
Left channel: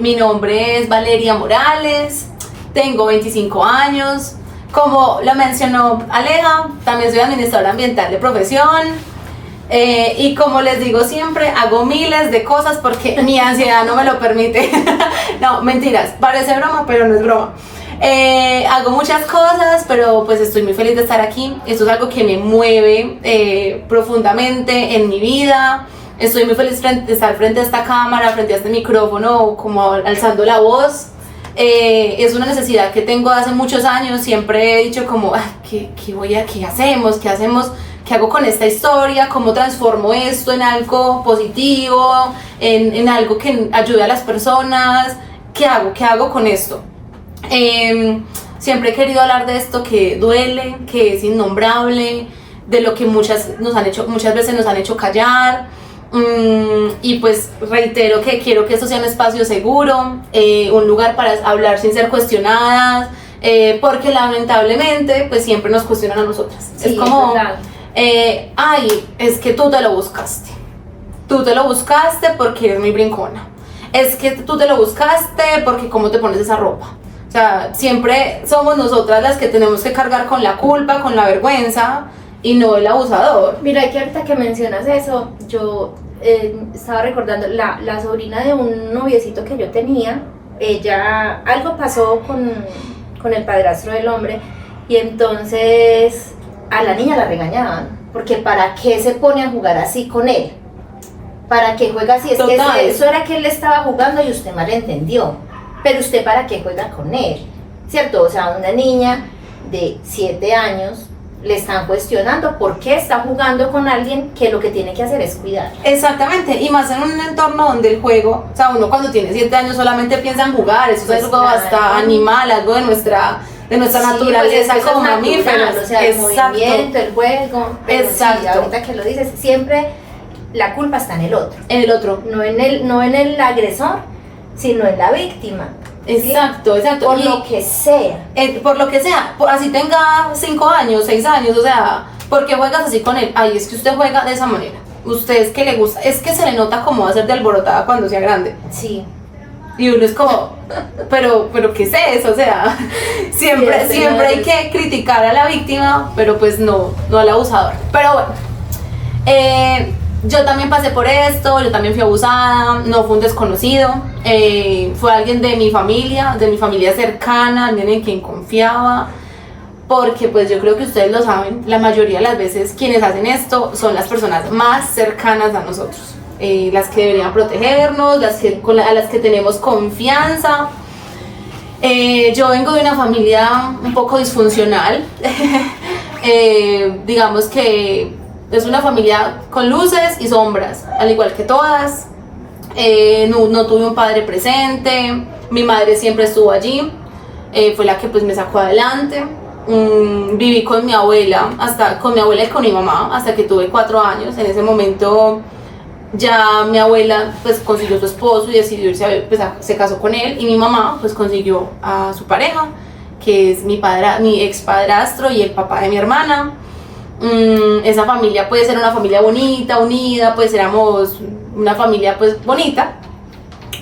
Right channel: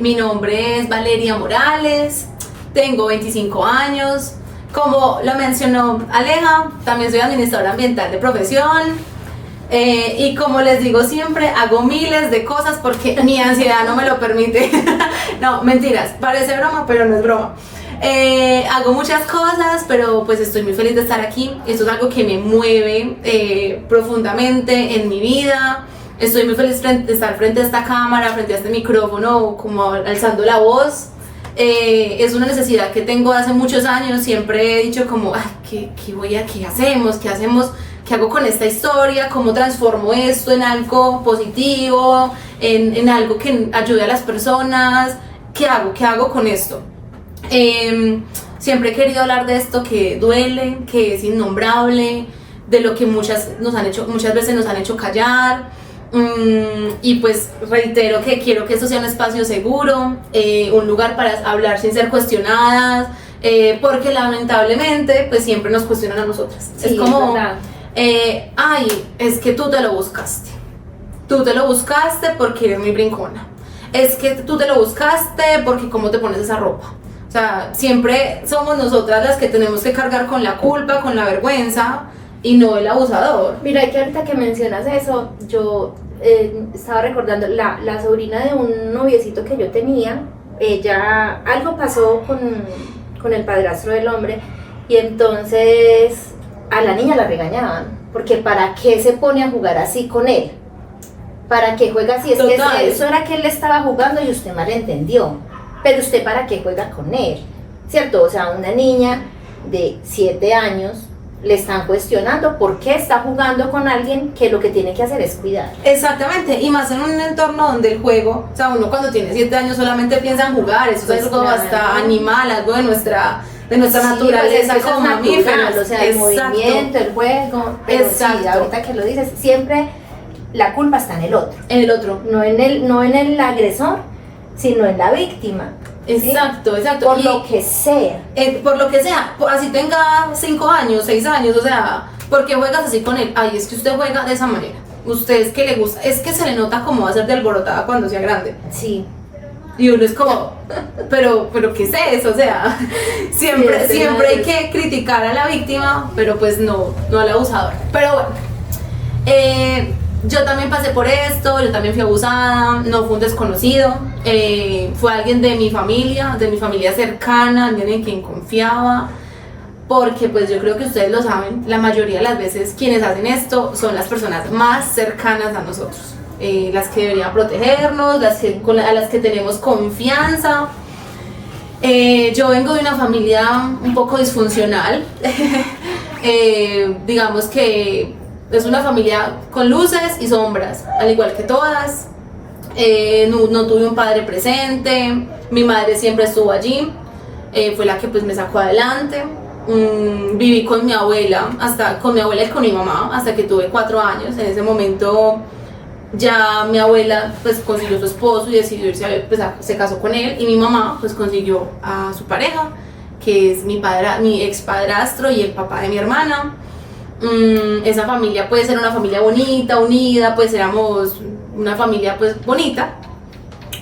Mi nombre es Valeria Morales, tengo 25 años, como lo mencionó Aleja, también soy administradora ambiental de profesión. Y como les digo siempre, hago miles de cosas porque mi ansiedad no me lo permite. No, mentiras, parece broma, pero no es broma. Hago muchas cosas, pero pues estoy muy feliz de estar aquí. Esto es algo que me mueve profundamente en mi vida. Estoy muy feliz de estar frente a esta cámara, frente a este micrófono, como alzando la voz. Es una necesidad que tengo hace muchos años. Siempre he dicho como, ¿qué hacemos? ¿qué hago con esta historia? ¿Cómo transformo esto en algo positivo? En algo que ayude a las personas. ¿Qué hago? ¿Qué hago con esto? Siempre he querido hablar de esto que duele, que es innombrable, de lo que muchas veces nos han hecho callar. Y pues reitero que quiero que esto sea un espacio seguro, un lugar para hablar sin ser cuestionadas, porque lamentablemente pues siempre nos cuestionan a nosotras. Sí, es como, es ay, es que tú te lo buscaste porque eres muy brincona, es que tú te lo buscaste porque cómo te pones esa ropa. O sea, siempre somos nosotras las que tenemos que cargar con la culpa, con la vergüenza, y no el abusador. Mira, que ahorita que mencionas eso, yo estaba recordando la sobrina de un noviecito que yo tenía. Ella, algo pasó con el padrastro del hombre, y entonces a la niña la regañaban, porque ¿para qué se pone a jugar así con él? ¿Para qué juega así? Es Total. que eso era que él le estaba jugando y usted malentendió. Pero usted, ¿para qué juega con él? ¿Cierto? O sea, una niña de 7 años le están cuestionando por qué está jugando con alguien que lo que tiene que hacer es cuidar. Exactamente, y más en un entorno donde el juego, o sea, uno cuando tiene 7 años solamente piensa en jugar, eso Pues es algo claro. hasta animal, algo de nuestra Sí, naturaleza pues como es mamíferos. natural, o sea, el movimiento, el juego, pero Exacto. sí, ahorita que lo dices, siempre la culpa está en el otro, En el otro. no en el agresor, sino en la víctima. ¿sí? Exacto. Por Y, lo que sea. por lo que sea, así tenga 5 años, 6 años, o sea, ¿por qué juegas así con él? Ay, es que usted juega de esa manera. Usted es que le gusta, es que se le nota como va a ser de alborotada cuando sea grande. Sí. Y uno es como, pero ¿qué es eso? O sea, siempre hay que criticar a la víctima, pero pues no al abusador. Pero bueno, yo también pasé por esto, yo también fui abusada, no fue un desconocido, fue alguien de mi familia cercana, alguien en quien confiaba, porque pues yo creo que ustedes lo saben, la mayoría de las veces quienes hacen esto son las personas más cercanas a nosotros. Las que deberían protegernos, a las que tenemos confianza. Yo vengo de una familia un poco disfuncional, digamos que es una familia con luces y sombras, al igual que todas. No tuve un padre presente, mi madre siempre estuvo allí, fue la que pues me sacó adelante. Viví con mi abuela y con mi mamá hasta que tuve 4 años. En ese momento ya mi abuela pues consiguió su esposo y decidió irse se casó con él, y mi mamá pues consiguió a su pareja, que es mi ex padrastro y el papá de mi hermana. Esa familia puede ser una familia bonita, unida, pues éramos una familia pues bonita,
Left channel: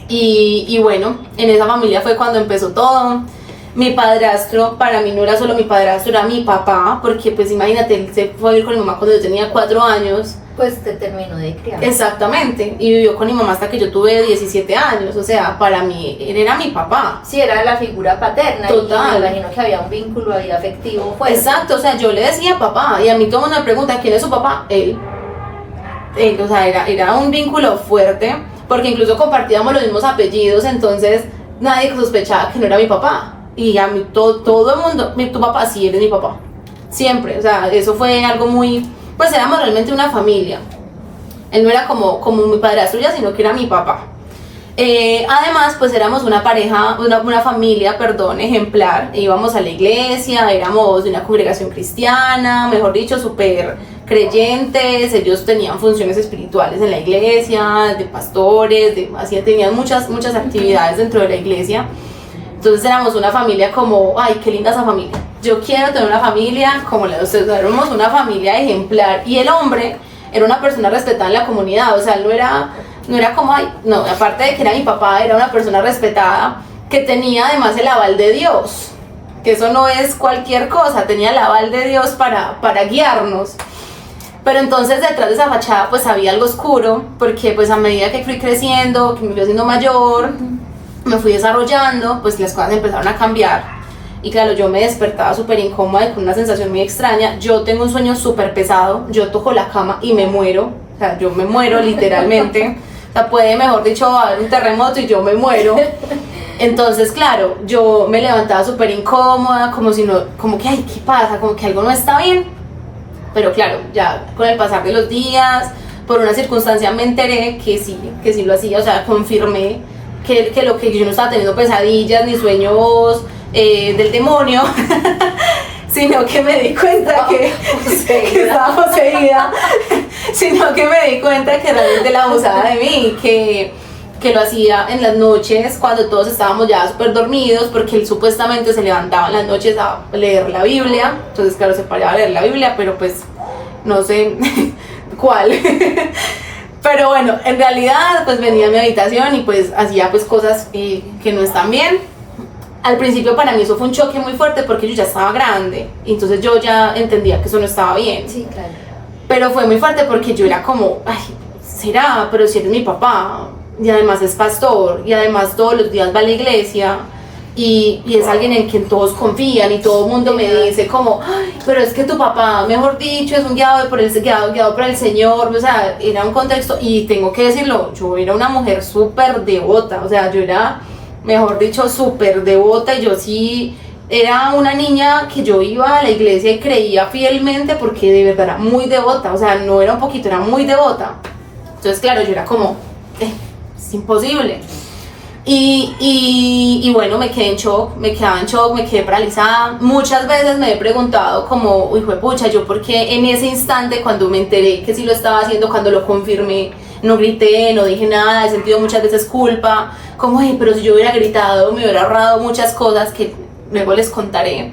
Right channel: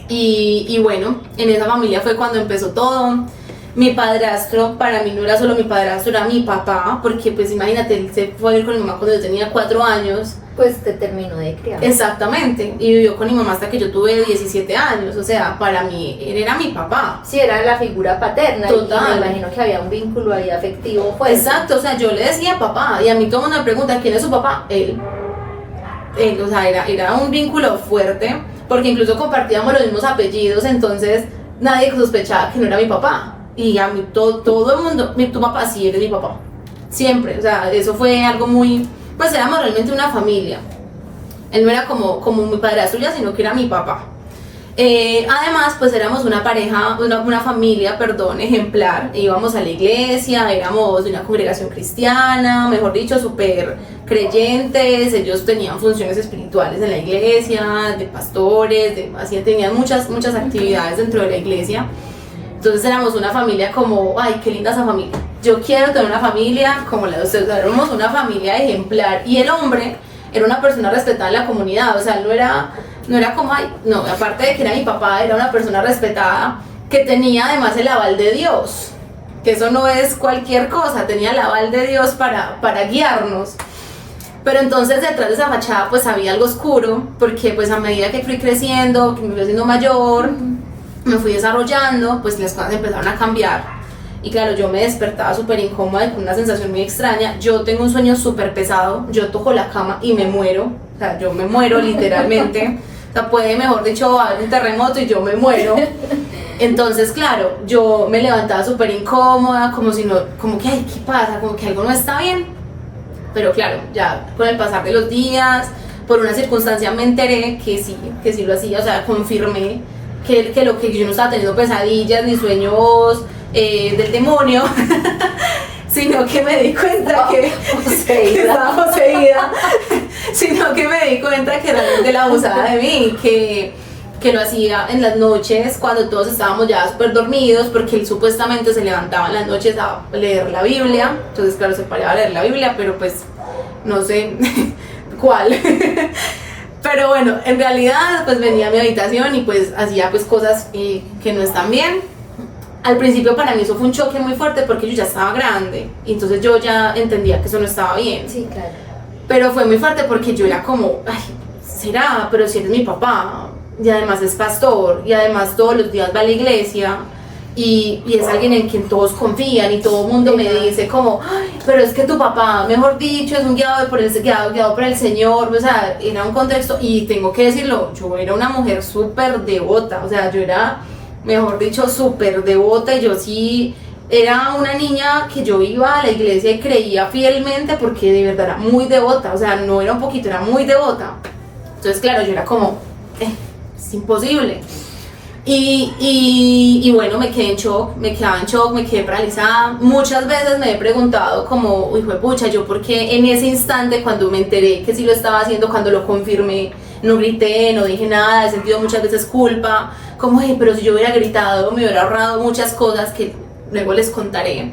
y bueno, en esa familia fue cuando empezó todo. Mi padrastro, para mí no era solo mi padrastro, era mi papá, porque pues imagínate, él se fue a vivir con mi mamá cuando yo tenía 4 años. Pues te terminó de criar. Exactamente, y vivió con mi mamá hasta que yo tuve 17 años, o sea, para mí él era mi papá. Sí, era la figura paterna. Total. Y me imagino que había un vínculo ahí afectivo fuerte. Exacto, o sea, yo le decía papá, y a mí todo el mundo me pregunta, ¿quién es su papá? Él, o sea, era un vínculo fuerte, porque incluso compartíamos los mismos apellidos, entonces nadie sospechaba que no era mi papá. Y a mí todo el mundo, tu papá, sí, eres mi papá, siempre, o sea, eso fue algo muy, pues éramos realmente una familia. Él no era como mi padrastro ya, sino que era mi papá. Además, pues éramos una pareja, una familia, ejemplar. Íbamos a la iglesia, éramos de una congregación cristiana, mejor dicho, súper creyentes. Ellos tenían funciones espirituales en la iglesia, de pastores, tenían muchas actividades dentro de la iglesia. Entonces éramos una familia como, ay, qué linda esa familia. Yo quiero tener una familia como la de ustedes. Éramos una familia ejemplar. Y el hombre era una persona respetada en la comunidad. O sea, no era como, ay, no, aparte de que era mi papá, era una persona respetada que tenía además el aval de Dios. Que eso no es cualquier cosa, tenía el aval de Dios para guiarnos. Pero entonces detrás de esa fachada pues había algo oscuro, porque pues a medida que fui creciendo, que me fui haciendo mayor, me fui desarrollando, pues las cosas empezaron a cambiar. Y claro, yo me despertaba súper incómoda, con una sensación muy extraña. Yo tengo un sueño súper pesado, yo toco la cama y me muero. O sea, yo me muero literalmente. O sea, puede, mejor dicho, haber un terremoto y yo me muero. Entonces, claro, yo me levantaba súper incómoda, como que, ay, ¿qué pasa? Como que algo no está bien. pero claro, ya con el pasar de los días, por una circunstancia me enteré que sí lo hacía, o sea, confirmé que lo que yo no estaba teniendo pesadillas ni sueños del demonio, sino que me di cuenta que estaba poseída, sino que me di cuenta que realmente la abusaba de mí, que lo hacía en las noches cuando todos estábamos ya súper dormidos, porque él supuestamente se levantaba en las noches a leer la Biblia. Entonces claro, se paraba a leer la Biblia, pero pues no sé cuál. Pero bueno, en realidad pues venía a mi habitación y pues hacía pues cosas que no están bien. Al principio para mí eso fue un choque muy fuerte porque yo ya estaba grande, entonces yo ya entendía que eso no estaba bien. Sí, claro. Pero fue muy fuerte porque yo era como, ay, será, pero si eres mi papá, y además es pastor, y además todos los días va a la iglesia, y es alguien en quien todos confían, y todo el mundo me dice como, ay, pero es que tu papá, mejor dicho, es un guiado por el Señor, o sea, era un contexto, y tengo que decirlo, yo era una mujer súper devota, o sea, yo era, mejor dicho, súper devota, y yo sí era una niña que yo iba a la iglesia y creía fielmente porque de verdad era muy devota, o sea, no era un poquito, era muy devota. Entonces, claro, yo era como, es imposible. Y bueno, me quedé en shock, me quedé paralizada. Muchas veces me he preguntado como, hijo de pucha, yo por qué en ese instante cuando me enteré que sí lo estaba haciendo, cuando lo confirmé, no grité, no dije nada, he sentido muchas veces culpa, como, pero si yo hubiera gritado, me hubiera ahorrado muchas cosas que luego les contaré.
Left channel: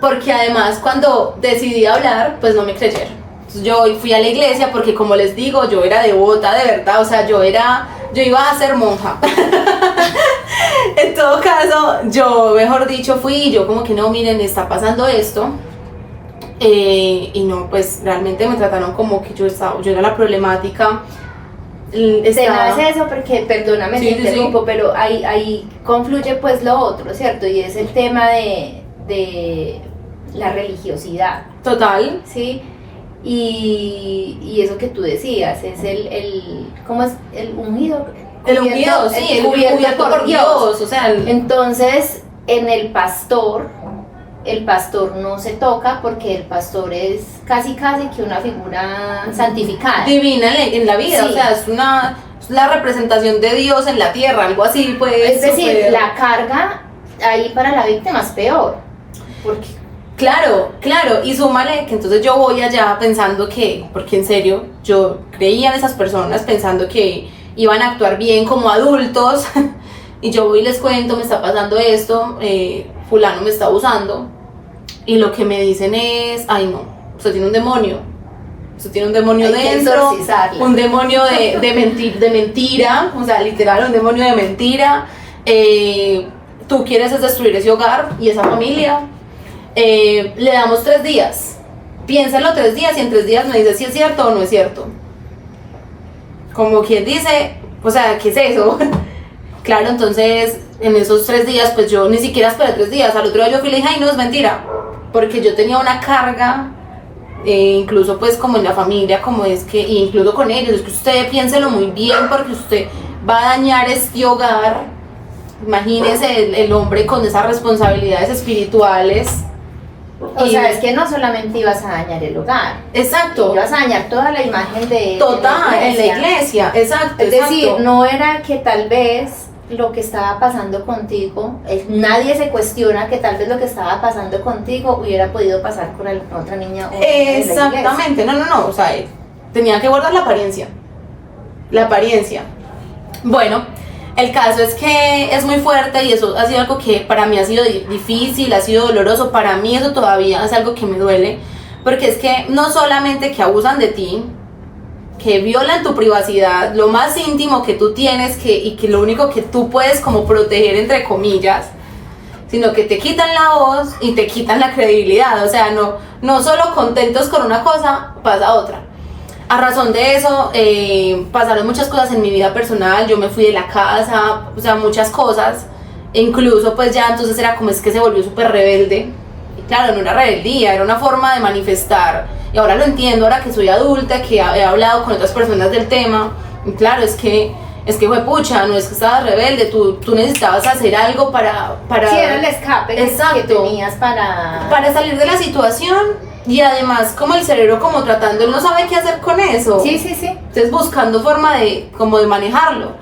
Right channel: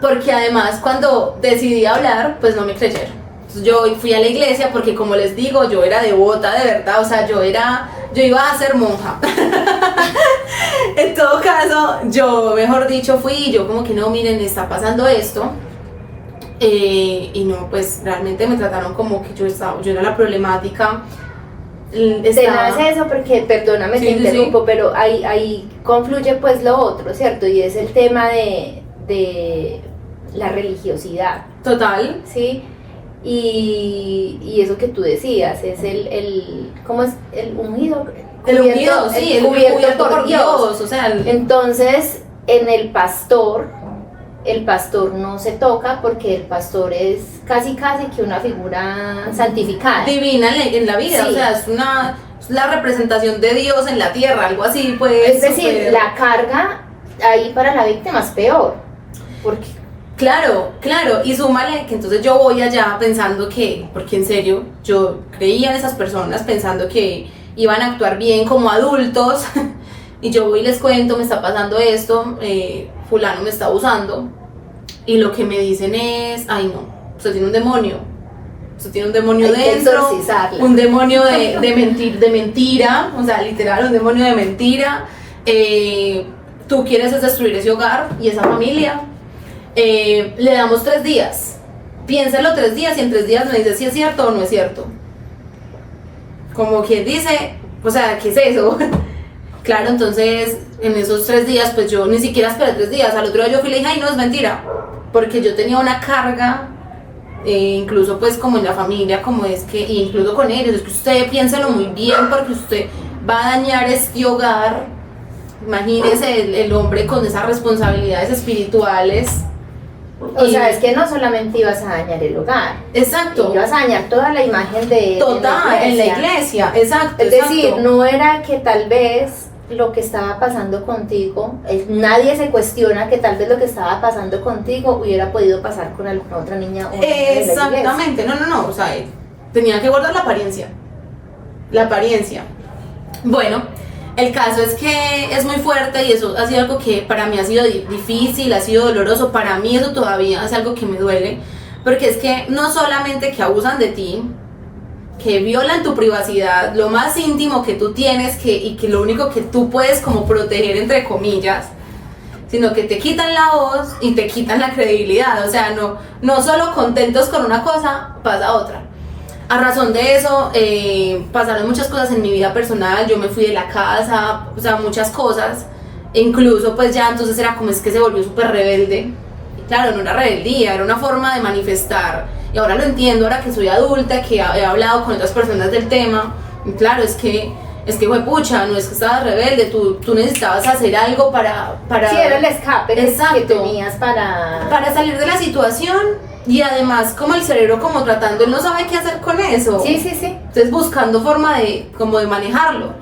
Porque además cuando decidí hablar, pues no me creyeron. Entonces yo fui a la iglesia porque, como les digo, yo era devota de verdad, o sea, yo iba a ser monja. En todo caso, yo, mejor dicho, fui y yo como que no, miren, está pasando esto. Y no, pues realmente me trataron como que yo era la problemática. Te nace eso porque, perdóname, te interrumpo, sí. Pero ahí confluye pues lo otro, ¿cierto? Y es el tema de la religiosidad. Total. ¿Sí? Y eso que tú decías, es ¿cómo es? El ungido. El ungido, sí, el cubierto por Dios, o sea. Entonces, en el pastor no se toca porque el pastor es casi que una figura santificada. Divina en la vida, sí. O sea, es la representación de Dios en la tierra, algo así, pues. Es decir, la carga ahí para la víctima es peor. Porque Claro, y súmale que entonces yo voy allá pensando porque en serio, yo creía en esas personas pensando que iban a actuar bien como adultos, y yo voy y les cuento, me está pasando esto, fulano me está abusando, y lo que me dicen es, ay no, usted tiene un demonio dentro, un demonio de mentira, o sea, literal, un demonio de mentira, tú quieres es destruir ese hogar y esa familia. Le damos 3 días, piénsalo 3 días y en 3 días me dice si es cierto o no es cierto. Como quien dice, o sea, ¿qué es eso? Claro, entonces en esos 3 días pues yo ni siquiera esperé 3 días, al otro día yo fui y le dije, ay no, es mentira, porque yo tenía una carga, incluso pues como en la familia, como es que, incluso con ellos, es que usted piénselo muy bien porque usted va a dañar este hogar. Imagínese el hombre con esas responsabilidades espirituales. O sea, es que no solamente ibas a dañar el hogar. Exacto. Ibas a dañar toda la imagen de en la iglesia. Exacto. Es decir, no era que tal vez lo que estaba pasando contigo, nadie se cuestiona que tal vez lo que estaba pasando contigo hubiera podido pasar con alguna otra niña o exactamente, no, o sea, tenía que guardar la apariencia. Bueno, el caso es que es muy fuerte y eso ha sido algo que para mí ha sido difícil, ha sido doloroso. Para mí eso todavía es algo que me duele, porque es que no solamente que abusan de ti, que violan tu privacidad, lo más íntimo que tú tienes y que lo único que tú puedes como proteger entre comillas, sino que te quitan la voz y te quitan la credibilidad. O sea, no solo contentos con una cosa, pasa otra. A razón de eso, pasaron muchas cosas en mi vida personal, yo me fui de la casa, o sea, muchas cosas, e incluso pues ya entonces era como es que se volvió súper rebelde. Y claro, no era rebeldía, era una forma de manifestar, y ahora lo entiendo, ahora que soy adulta, que he hablado con otras personas del tema, y claro, es que es que fue pucha, no es que estabas rebelde, tú necesitabas hacer algo para Sí, era el escape que Exacto. tenías para salir de la situación, y además como el cerebro como tratando, él no sabe qué hacer con eso. Sí. Entonces buscando forma de manejarlo.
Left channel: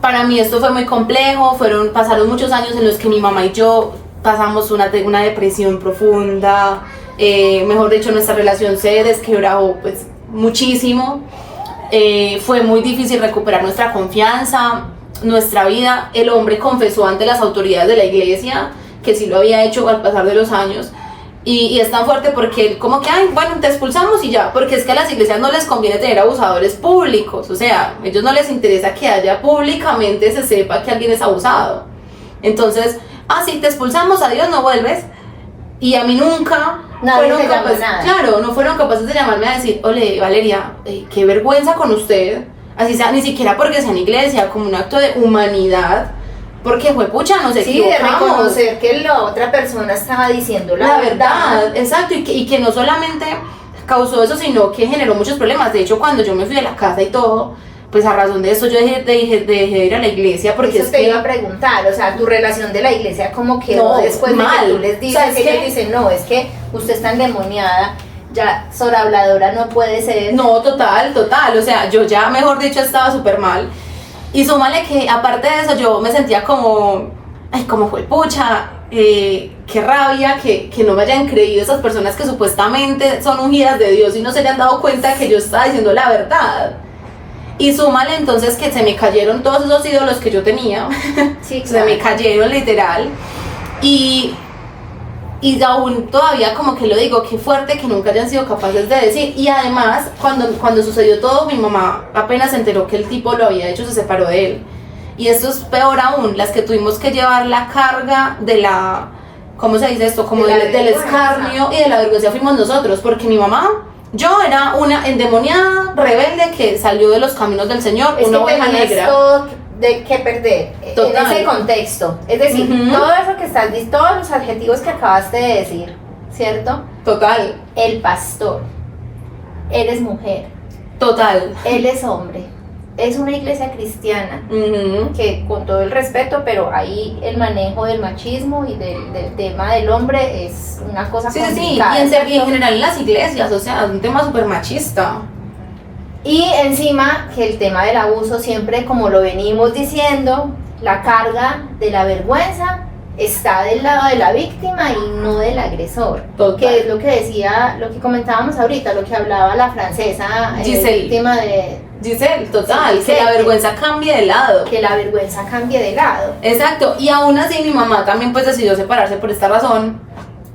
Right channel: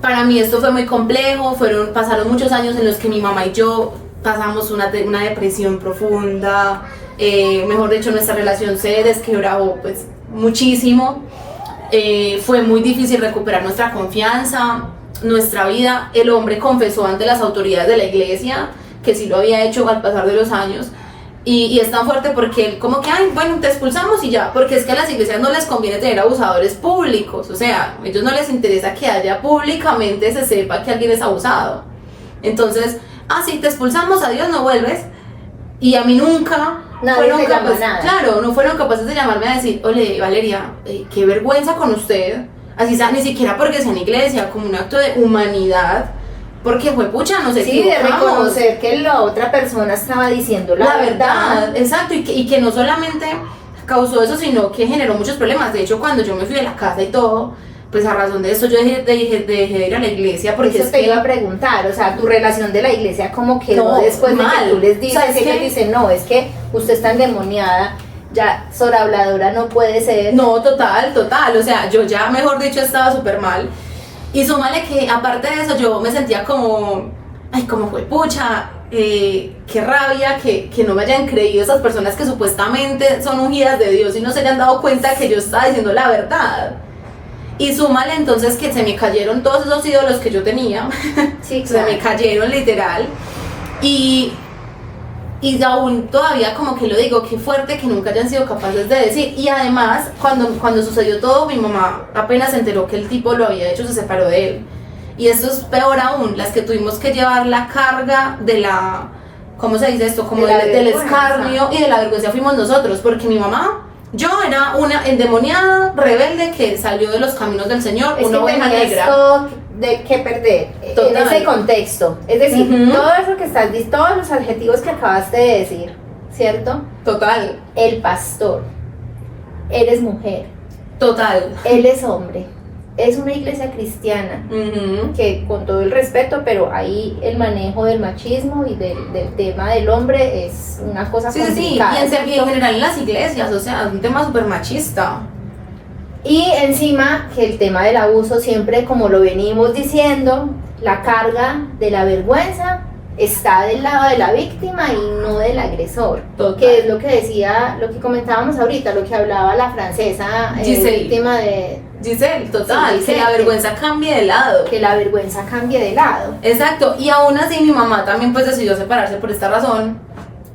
Para mí esto fue muy complejo, pasaron muchos años en los que mi mamá y yo pasamos una depresión profunda, mejor dicho, nuestra relación se desquebrajó pues muchísimo. Fue muy difícil recuperar nuestra confianza, nuestra vida. El hombre confesó ante las autoridades de la iglesia que sí lo había hecho al pasar de los años, y es tan fuerte porque él como que, ay, bueno, te expulsamos y ya, porque es que a las iglesias no les conviene tener abusadores públicos, o sea, a ellos no les interesa que haya públicamente se sepa que alguien es abusado. Entonces, sí, te expulsamos, adiós, no vuelves. Y a mí nunca nadie te llamó nada. Claro, no fueron capaces de llamarme a decir, ole, Valeria, qué vergüenza con usted, así sea, ni siquiera porque sea en iglesia, como un acto de humanidad, porque fue pucha, nos equivocamos. Sí, de reconocer que la otra persona estaba diciendo la verdad. Exacto, y que no solamente causó eso, sino que generó muchos problemas. De hecho, cuando yo me fui de la casa y todo, pues a razón de eso yo dejé de ir a la iglesia, porque eso te iba a preguntar, o sea, tu relación de la iglesia como quedó después mal. De que tú les dices, ¿Sabes ellos qué? dicen, no, es que usted está endemoniada, ya sobrehabladora no puede ser. No, total, o sea, yo ya, mejor dicho, estaba súper mal. Y súmale que aparte de eso yo me sentía como, ay, como fue pucha, qué rabia que no me hayan creído esas personas que supuestamente son ungidas de Dios y no se hayan dado cuenta que yo estaba diciendo la verdad. Y súmale entonces que se me cayeron todos esos ídolos que yo tenía, Sí, se me cayeron literal, y aún todavía como que lo digo, qué fuerte que nunca hayan sido capaces de decir. Y además, cuando sucedió todo, mi mamá apenas se enteró que el tipo lo había hecho, se separó de él. Y esto es peor aún, las que tuvimos que llevar la carga de la, ¿cómo se dice esto? Como del escarnio y de la vergüenza fuimos nosotros, porque mi mamá, yo era una endemoniada, rebelde, que salió de los caminos del Señor, es una que oveja negra. todo de qué perder. Total. En ese contexto, es decir, todo eso que estás diciendo, todos los adjetivos que acabaste de decir, ¿cierto? Total. El pastor, eres mujer, Total. él es hombre, es una iglesia cristiana, que con todo el respeto, pero ahí el manejo del machismo y del tema del hombre es una cosa complicada. Sí, y en general en las iglesias, o sea, es un tema súper machista. Y encima que el tema del abuso siempre, como lo venimos diciendo, la carga de la vergüenza está del lado de la víctima y no del agresor. Total. Que es lo que decía, lo que comentábamos ahorita, lo que hablaba la francesa víctima de Giselle, total, sí, Giselle, que la vergüenza cambie de lado. Que la vergüenza cambie de lado. Exacto, y aún así mi mamá también pues decidió separarse por esta razón.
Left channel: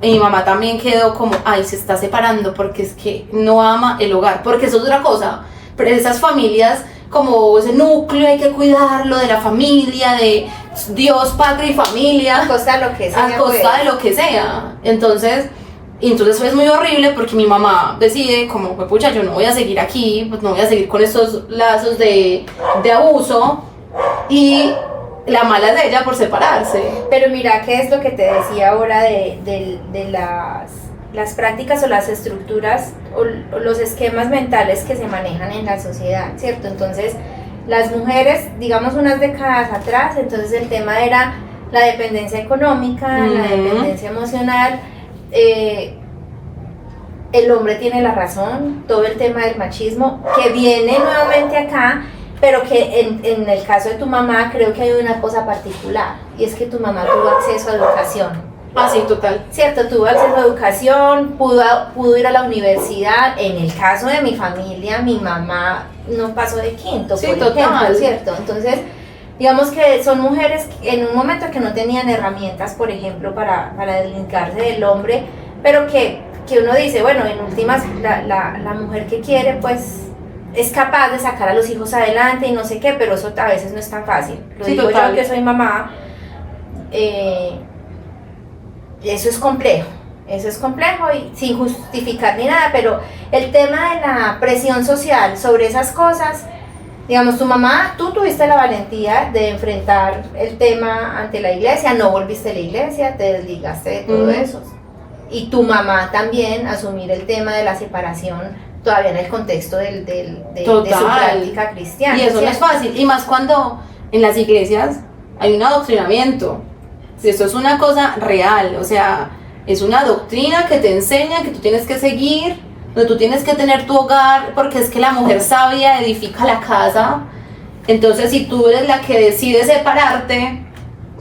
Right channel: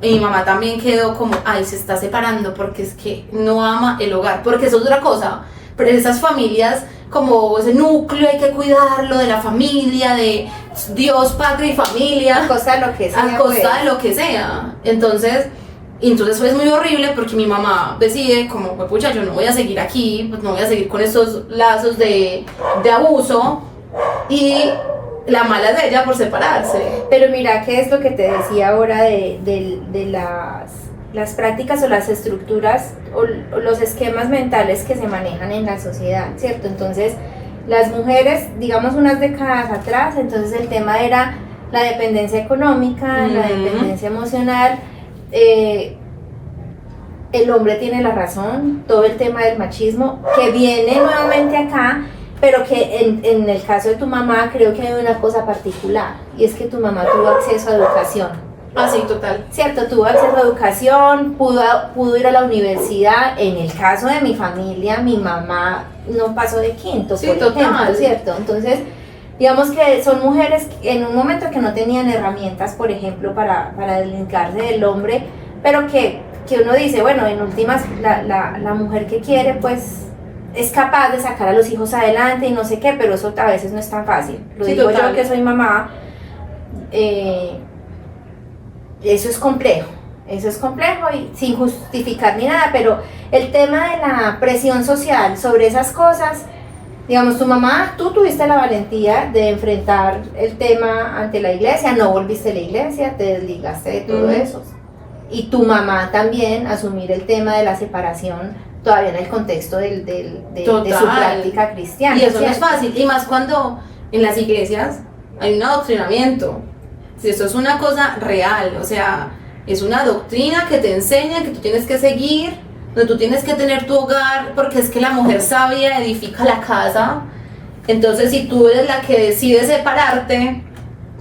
Y mi mamá también quedó como, ay, se está separando porque es que no ama el hogar, porque eso es otra cosa. Pero esas familias, como ese núcleo, hay que cuidarlo de la familia, de Dios, patria y familia. A costa de lo que sea. A costa de lo que sea. Entonces es muy horrible porque mi mamá decide como, pues pucha, yo no voy a seguir aquí, pues no voy a seguir con estos lazos de abuso, y la mala es de ella por separarse. Pero mira, ¿qué es lo que te decía ahora de las prácticas o las estructuras o los esquemas mentales que se manejan en la sociedad, ¿cierto? Entonces, las mujeres, digamos unas décadas atrás, entonces el tema era la dependencia económica, la dependencia emocional, el hombre tiene la razón, todo el tema del machismo, que viene nuevamente acá, pero que en el caso de tu mamá creo que hay una cosa particular, y es que tu mamá tuvo acceso a educación. Sí, total. Cierto, tuvo acceso a educación, pudo ir a la universidad. En el caso de mi familia, mi mamá no pasó de quinto, sí, por total. ejemplo, ¿cierto? Entonces, digamos que son mujeres en un momento que no tenían herramientas, por ejemplo, para deslindarse del hombre, pero que uno dice, bueno, en últimas, la mujer que quiere, pues, es capaz de sacar a los hijos adelante y no sé qué, pero eso a veces no es tan fácil. Lo sí, digo total. yo que soy mamá, eso es complejo y sin justificar ni nada, pero el tema de la presión social sobre esas cosas, digamos, tu mamá, tú tuviste la valentía de enfrentar el tema ante la iglesia, no volviste a la iglesia, te desligaste de todo eso, y tu mamá también asumir el tema de la separación todavía en el contexto de su Total. práctica cristiana. Y eso no es ¿cierto? fácil, y más cuando en las iglesias hay un adoctrinamiento. Esto es una cosa real, o sea, es una doctrina que te enseña que tú tienes que seguir, donde tú tienes que tener tu hogar, porque es que la mujer sabia edifica la casa. Entonces, si tú eres la que decide separarte,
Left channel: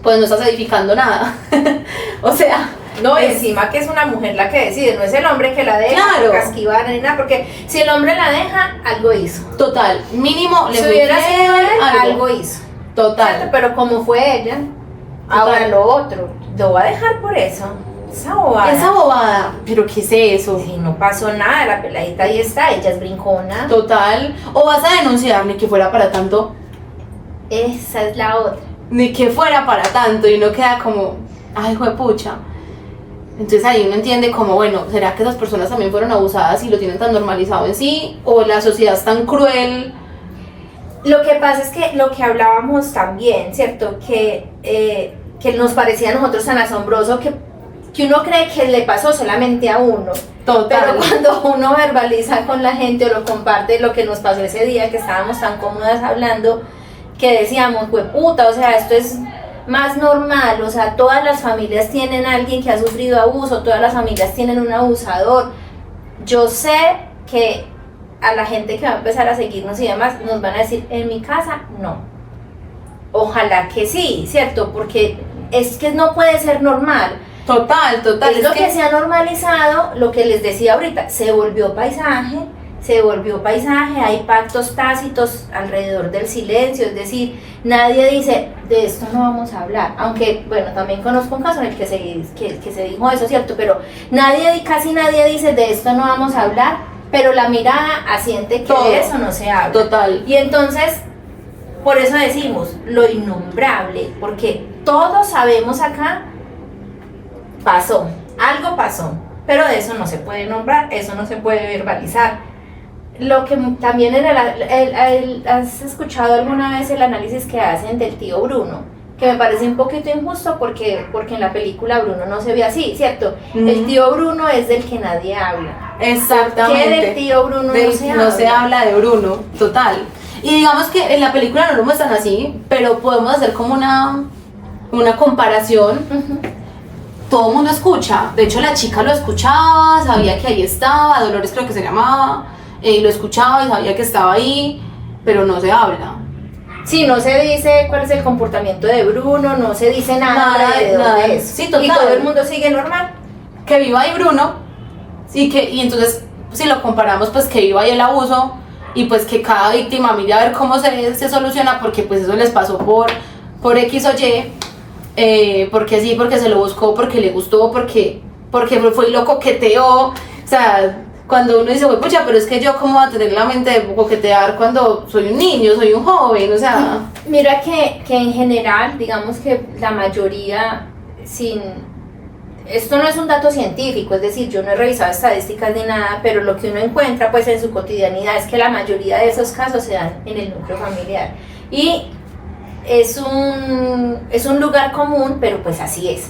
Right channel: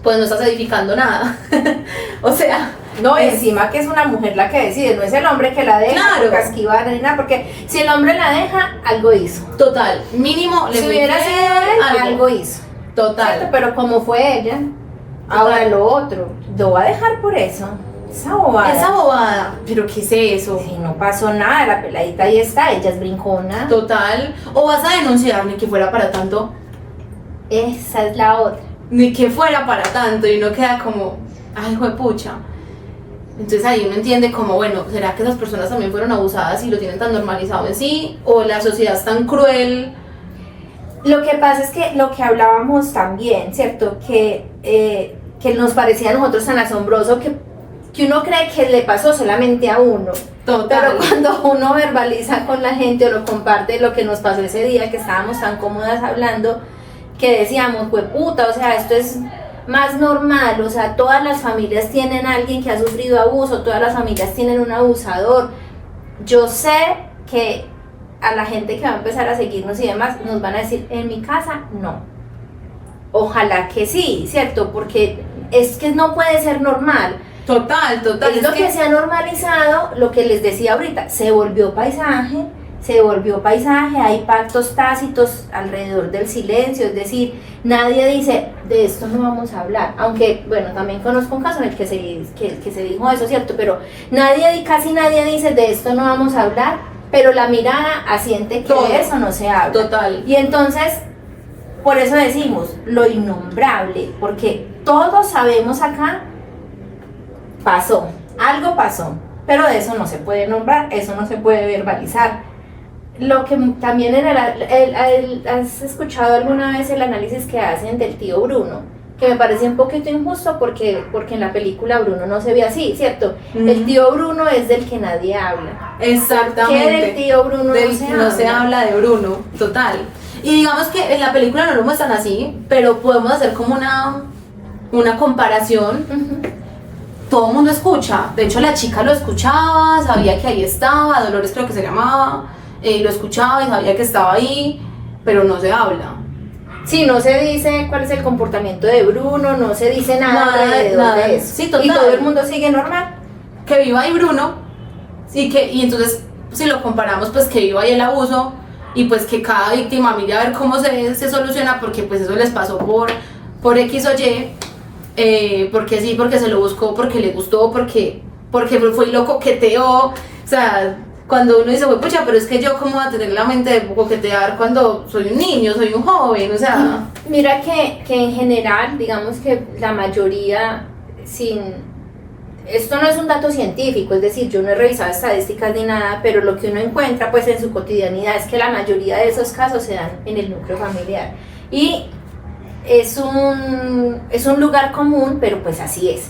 pues no estás edificando nada. O sea, No, encima que es una mujer la que decide, no es el hombre que la deja, Claro. casquivar ni nada, porque si el hombre la deja, algo hizo. total, mínimo Si le hubiera fue sido bien, él, algo hizo. ¿Cierto? Total. Pero como fue ella, ahora Total. lo otro, lo va a dejar por eso. Esa bobada. Esa bobada, pero ¿qué es eso? Si no pasó nada, la peladita ahí está, ella es brincona. Total. O vas a denunciar, ni que fuera para tanto, Esa es la otra. ni que fuera para tanto, y uno queda como, ay, juepucha. Entonces ahí uno entiende como, bueno, ¿será que esas personas también fueron abusadas y lo tienen tan normalizado en sí? ¿O la sociedad es tan cruel? Lo que pasa es que lo que hablábamos también, ¿cierto? Que nos parecía a nosotros tan asombroso que uno cree que le pasó solamente a uno. Total. Pero cuando uno verbaliza con la gente o lo comparte lo que nos pasó ese día que estábamos tan cómodas hablando, que decíamos, puta, o sea, esto es más normal, o sea, todas las familias tienen a alguien que ha sufrido abuso, todas las familias tienen un abusador. Yo sé que a la gente que va a empezar a seguirnos y demás nos van a decir, en mi casa no. Ojalá que sí, ¿cierto? Porque es que no puede ser normal. Total, total. Es lo que se ha normalizado, lo que les decía ahorita, se volvió paisaje, hay pactos tácitos alrededor del silencio, es decir, nadie dice, de esto no vamos a hablar, aunque, bueno, también conozco un caso en el que se dijo eso, ¿cierto? Pero casi nadie dice, de esto no vamos a hablar, pero la mirada asiente que Todo. de eso no se habla. Total. Y entonces, por eso decimos, lo innombrable, porque todos sabemos acá, algo pasó, pero de eso no se puede nombrar, eso no se puede verbalizar. Lo que también ¿has escuchado alguna vez el análisis que hacen del tío Bruno? Que me parece un poquito injusto porque en la película Bruno no se ve así, ¿cierto? El tío Bruno es del que nadie habla. Exactamente. ¿Qué del tío Bruno no se habla de Bruno, total. Y digamos que en la película no lo muestran así, pero podemos hacer como una comparación. Ujú. Todo el mundo escucha, de hecho la chica lo escuchaba, sabía que ahí estaba, Dolores creo que se llamaba, lo escuchaba y sabía que estaba ahí, pero no se habla. Sí, no se dice cuál es el comportamiento de Bruno, no se dice nada alrededor nada. de eso. Sí, total. Y todo el mundo sigue normal. Que viva ahí Bruno, y entonces si lo comparamos, pues que viva ahí el abuso, y pues que cada víctima mire a ver cómo se soluciona, porque pues eso les pasó por X o Y, porque sí, porque se lo buscó, porque le gustó, porque fue y lo coqueteó. O sea, cuando uno dice, pucha, pero es que yo cómo voy a tener la mente de coquetear cuando soy un niño, soy un joven, o sea. Mira que en general, digamos que la mayoría, esto no es un dato científico, es decir, yo no he revisado estadísticas ni nada, pero lo que uno encuentra pues en su cotidianidad es que la mayoría de esos casos se dan en el núcleo familiar. Y es un lugar común, pero pues así es.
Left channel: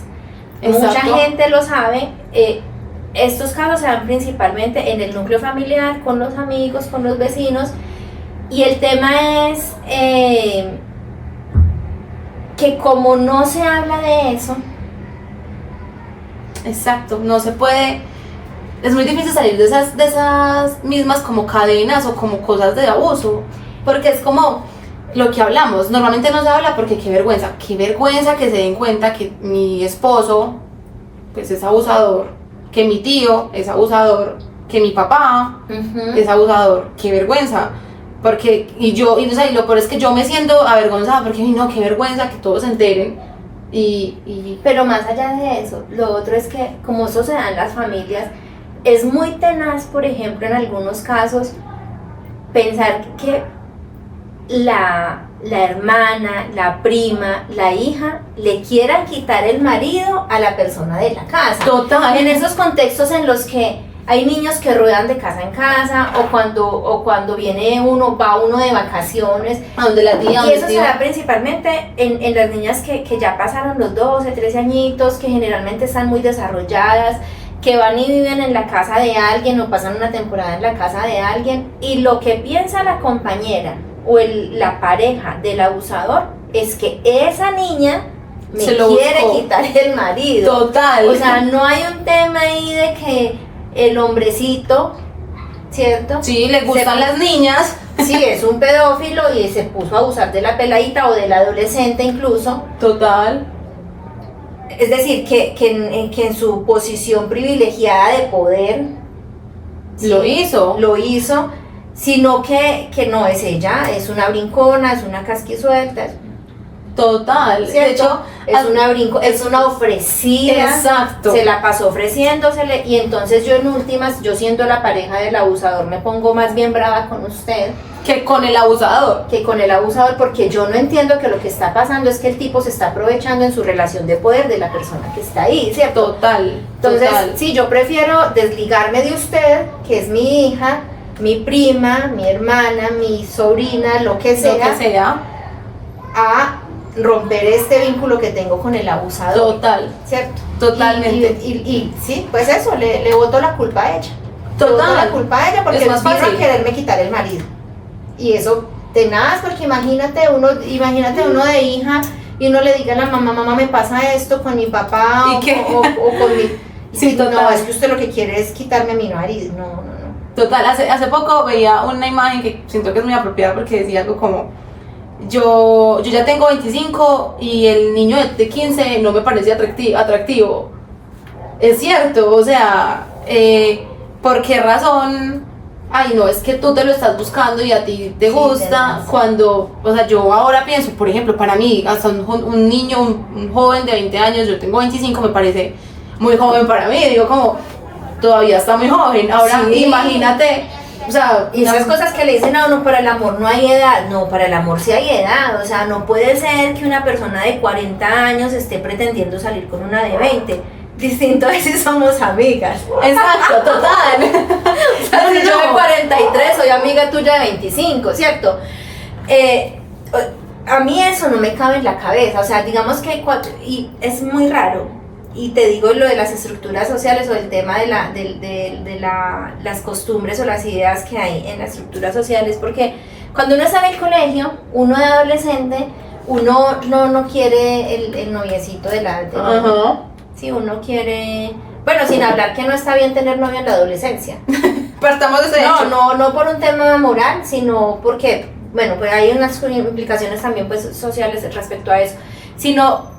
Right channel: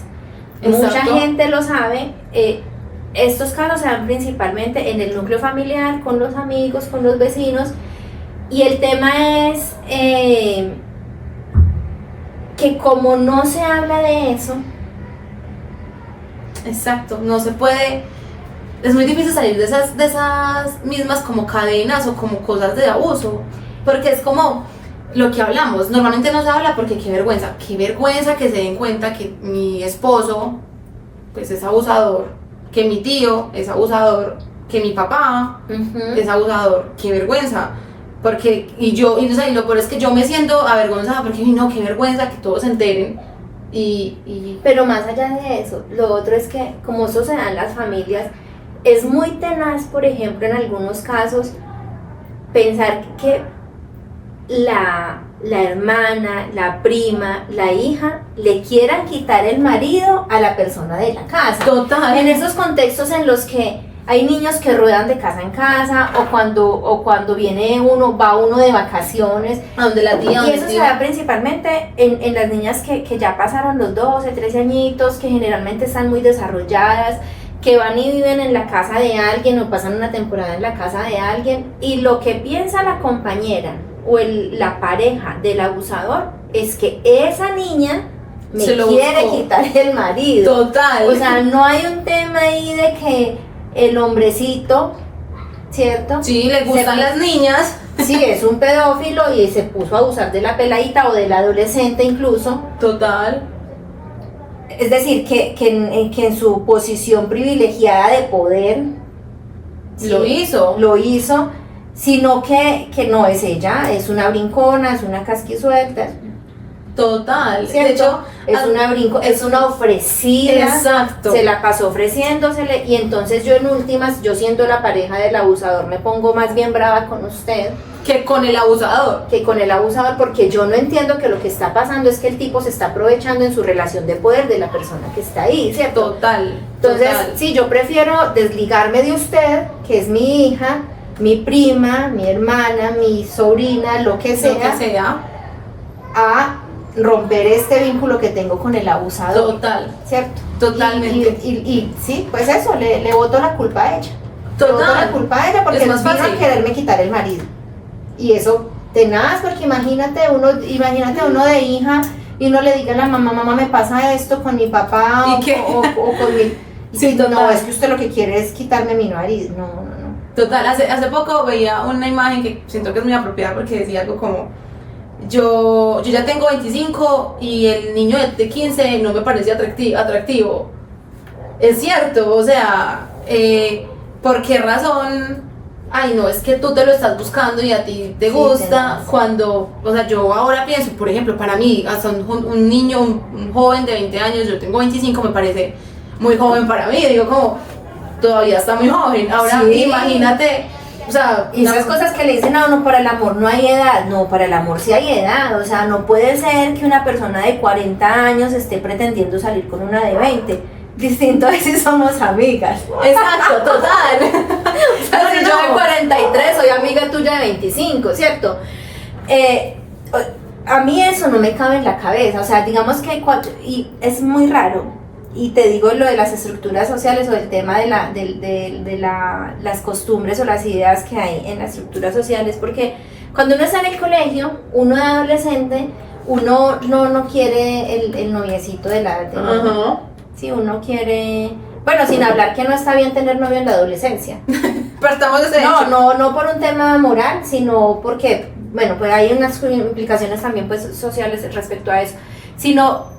Exacto. Mucha gente lo sabe. Estos casos se dan principalmente en el núcleo familiar, con los amigos, con los vecinos. Y el tema es que como no se habla de eso. Exacto, no se puede, es muy difícil salir de esas mismas como cadenas o como cosas de abuso, porque es como lo que hablamos, normalmente no se habla porque qué vergüenza que se den cuenta que mi esposo pues es abusador, que mi tío es abusador, que mi papá es abusador, qué vergüenza. Porque, y lo peor es que yo me siento avergonzada porque no, qué vergüenza que todos se enteren. Pero más allá de eso, lo otro es que como eso se da en las familias, es muy tenaz, por ejemplo, en algunos casos, pensar que la hermana, la prima, la hija, le quieran quitar el marido a la persona de la casa. Total. En esos contextos en los que hay niños que ruedan de casa en casa, o cuando va uno de vacaciones, a donde la tía, y eso se da principalmente en las niñas que ya pasaron los 12, 13 añitos, que generalmente están muy desarrolladas, que van y viven en la casa de alguien o pasan una temporada en la casa de alguien, y lo que piensa la compañera o la pareja del abusador es que esa niña me quiere quitar el marido. Total. O sea, no hay un tema ahí de que el hombrecito, ¿cierto? Sí, le gustan las niñas. Sí, es un pedófilo y se puso a abusar de la peladita o del adolescente incluso. Total. Es decir, que en su posición privilegiada de poder Lo hizo, sino que no es ella, es una brincona, es una casquisuelta. Total. ¿Cierto? De hecho, es una ofrecida. Exacto. Se la pasó ofreciéndosele, y entonces yo en últimas, yo siendo la pareja del abusador, me pongo más bien brava con usted que con el abusador. Porque yo no entiendo que lo que está pasando es que el tipo se está aprovechando en su relación de poder de la persona que está ahí, ¿cierto? Total. Entonces, total. sí, yo prefiero desligarme de usted, que es mi hija, mi prima, mi hermana, mi sobrina, lo que sea, a romper este vínculo que tengo con el abusador. Total. ¿Cierto? Totalmente. Y sí, pues eso, le boto la culpa a ella. Total. Le boto la culpa a ella porque Es no más vino a fácil. quererme quitar el marido. Y eso tenaz, porque imagínate uno de hija y uno le diga a la mamá, me pasa esto con mi papá o con mi... Sí, no, total. es que usted lo que quiere es quitarme a mi marido. No. Total, hace poco veía una imagen que siento que es muy apropiada porque decía algo como: yo ya tengo 25 y el niño de 15 no me parece atractivo. Es cierto, o sea, ¿por qué razón? Ay, no, es que tú te lo estás buscando y a ti te gusta, cuando, o sea, yo ahora pienso, por ejemplo, para mí, hasta un niño, un joven de 20 años, yo tengo 25, me parece muy joven para mí, digo como, todavía está muy joven, ahora Sí. Imagínate, o sea, Y esas cosas que le dicen a uno, para el amor no hay edad. No, para el amor sí hay edad. O sea, no puede ser que una persona de 40 años esté pretendiendo salir con una de 20. Distinto es si somos amigas. Exacto, total. O sea, si yo de 43 soy amiga tuya de 25, ¿cierto? A mí eso no me cabe en la cabeza. O sea, digamos que y es muy raro. Y te digo lo de las estructuras sociales o el tema de las costumbres o las ideas que hay en las estructuras sociales, porque cuando uno está en el colegio, uno de adolescente, uno no quiere el noviecito de la edad de uno. Sí, uno quiere... Bueno, sin hablar que no está bien tener novio en la adolescencia. Partamos de ese hecho. No por un tema moral, sino porque, bueno, pues hay unas implicaciones también pues sociales respecto a eso, sino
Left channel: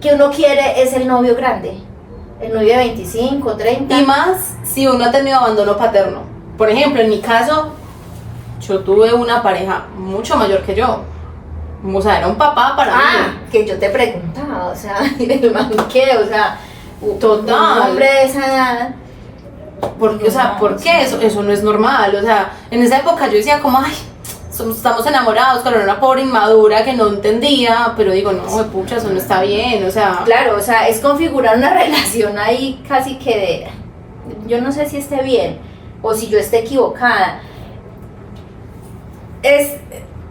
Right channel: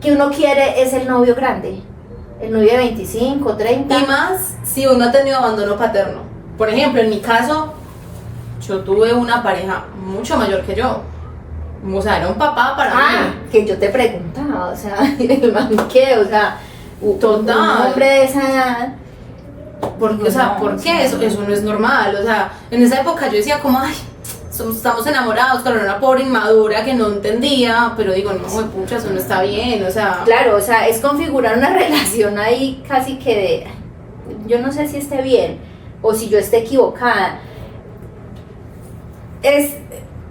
que uno quiere es el novio grande, el novio de 25, 30. Y más si uno ha tenido abandono paterno. Por ejemplo, en mi caso, yo tuve una pareja mucho mayor que yo. O sea, era un papá para mí. Que yo te preguntaba, o sea, el man qué, o sea, Total. un hombre de esa edad. Porque, o sea, ¿por qué? Eso no es normal. O sea, en esa época yo decía como, ay, estamos enamorados, pero era una pobre inmadura que no entendía, pero digo, no, pucha, eso no está bien, o sea. Claro, o sea, es configurar una relación ahí casi que de, yo no sé si esté bien o si yo esté equivocada.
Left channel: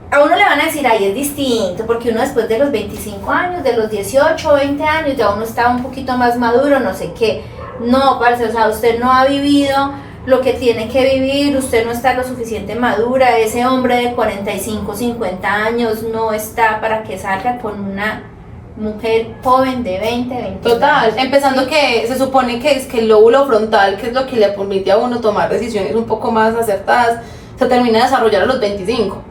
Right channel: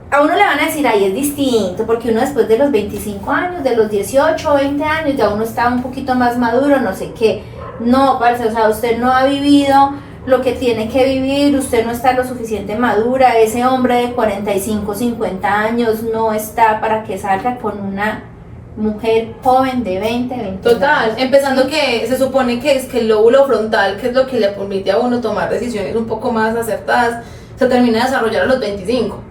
A uno le van a decir, ay, es distinto, porque uno después de los 25 años, de los 18 o 20 años, ya uno está un poquito más maduro, no sé qué. No, parce, o sea, usted no ha vivido lo que tiene que vivir, usted no está lo suficiente madura, ese hombre de 45, 50 años no está para que salga con una mujer joven de 20, 20 Total, años. empezando ¿Sí? que se supone que es que el lóbulo frontal, que es lo que le permite a uno tomar decisiones un poco más acertadas, se termina de desarrollar a los 25.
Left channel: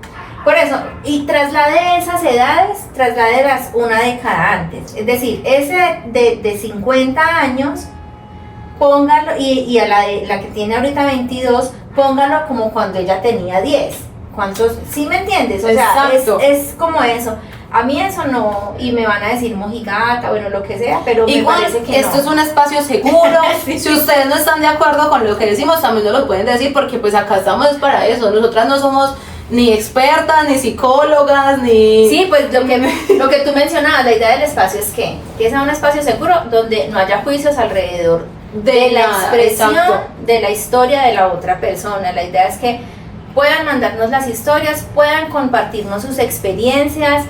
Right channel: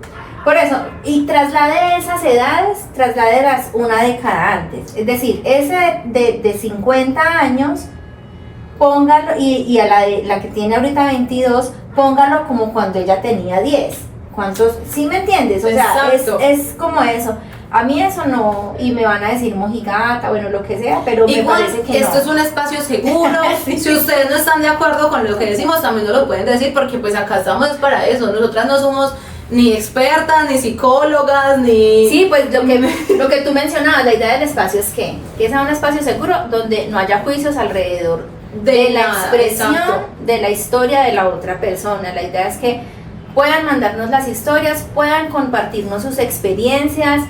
Por eso, y traslade esas edades, trasládelas una década antes. Es decir, ese de 50 años, póngalo, y a la que tiene ahorita 22, póngalo como cuando ella tenía 10. ¿Cuántos? ¿Sí me entiendes? O sea, es como eso. A mí eso no, y me van a decir mojigata, bueno, lo que sea, pero igual, me parece que esto no. es un espacio seguro. Sí. Si ustedes no están de acuerdo con lo que decimos, también nos lo pueden decir, porque pues acá estamos para eso. Nosotras no somos ni expertas, ni psicólogas, ni... Sí, pues lo que tú mencionabas, la idea del espacio es que sea un espacio seguro donde no haya juicios alrededor de la expresión, de la historia de la otra persona. La idea es que puedan mandarnos las historias, puedan compartirnos sus experiencias,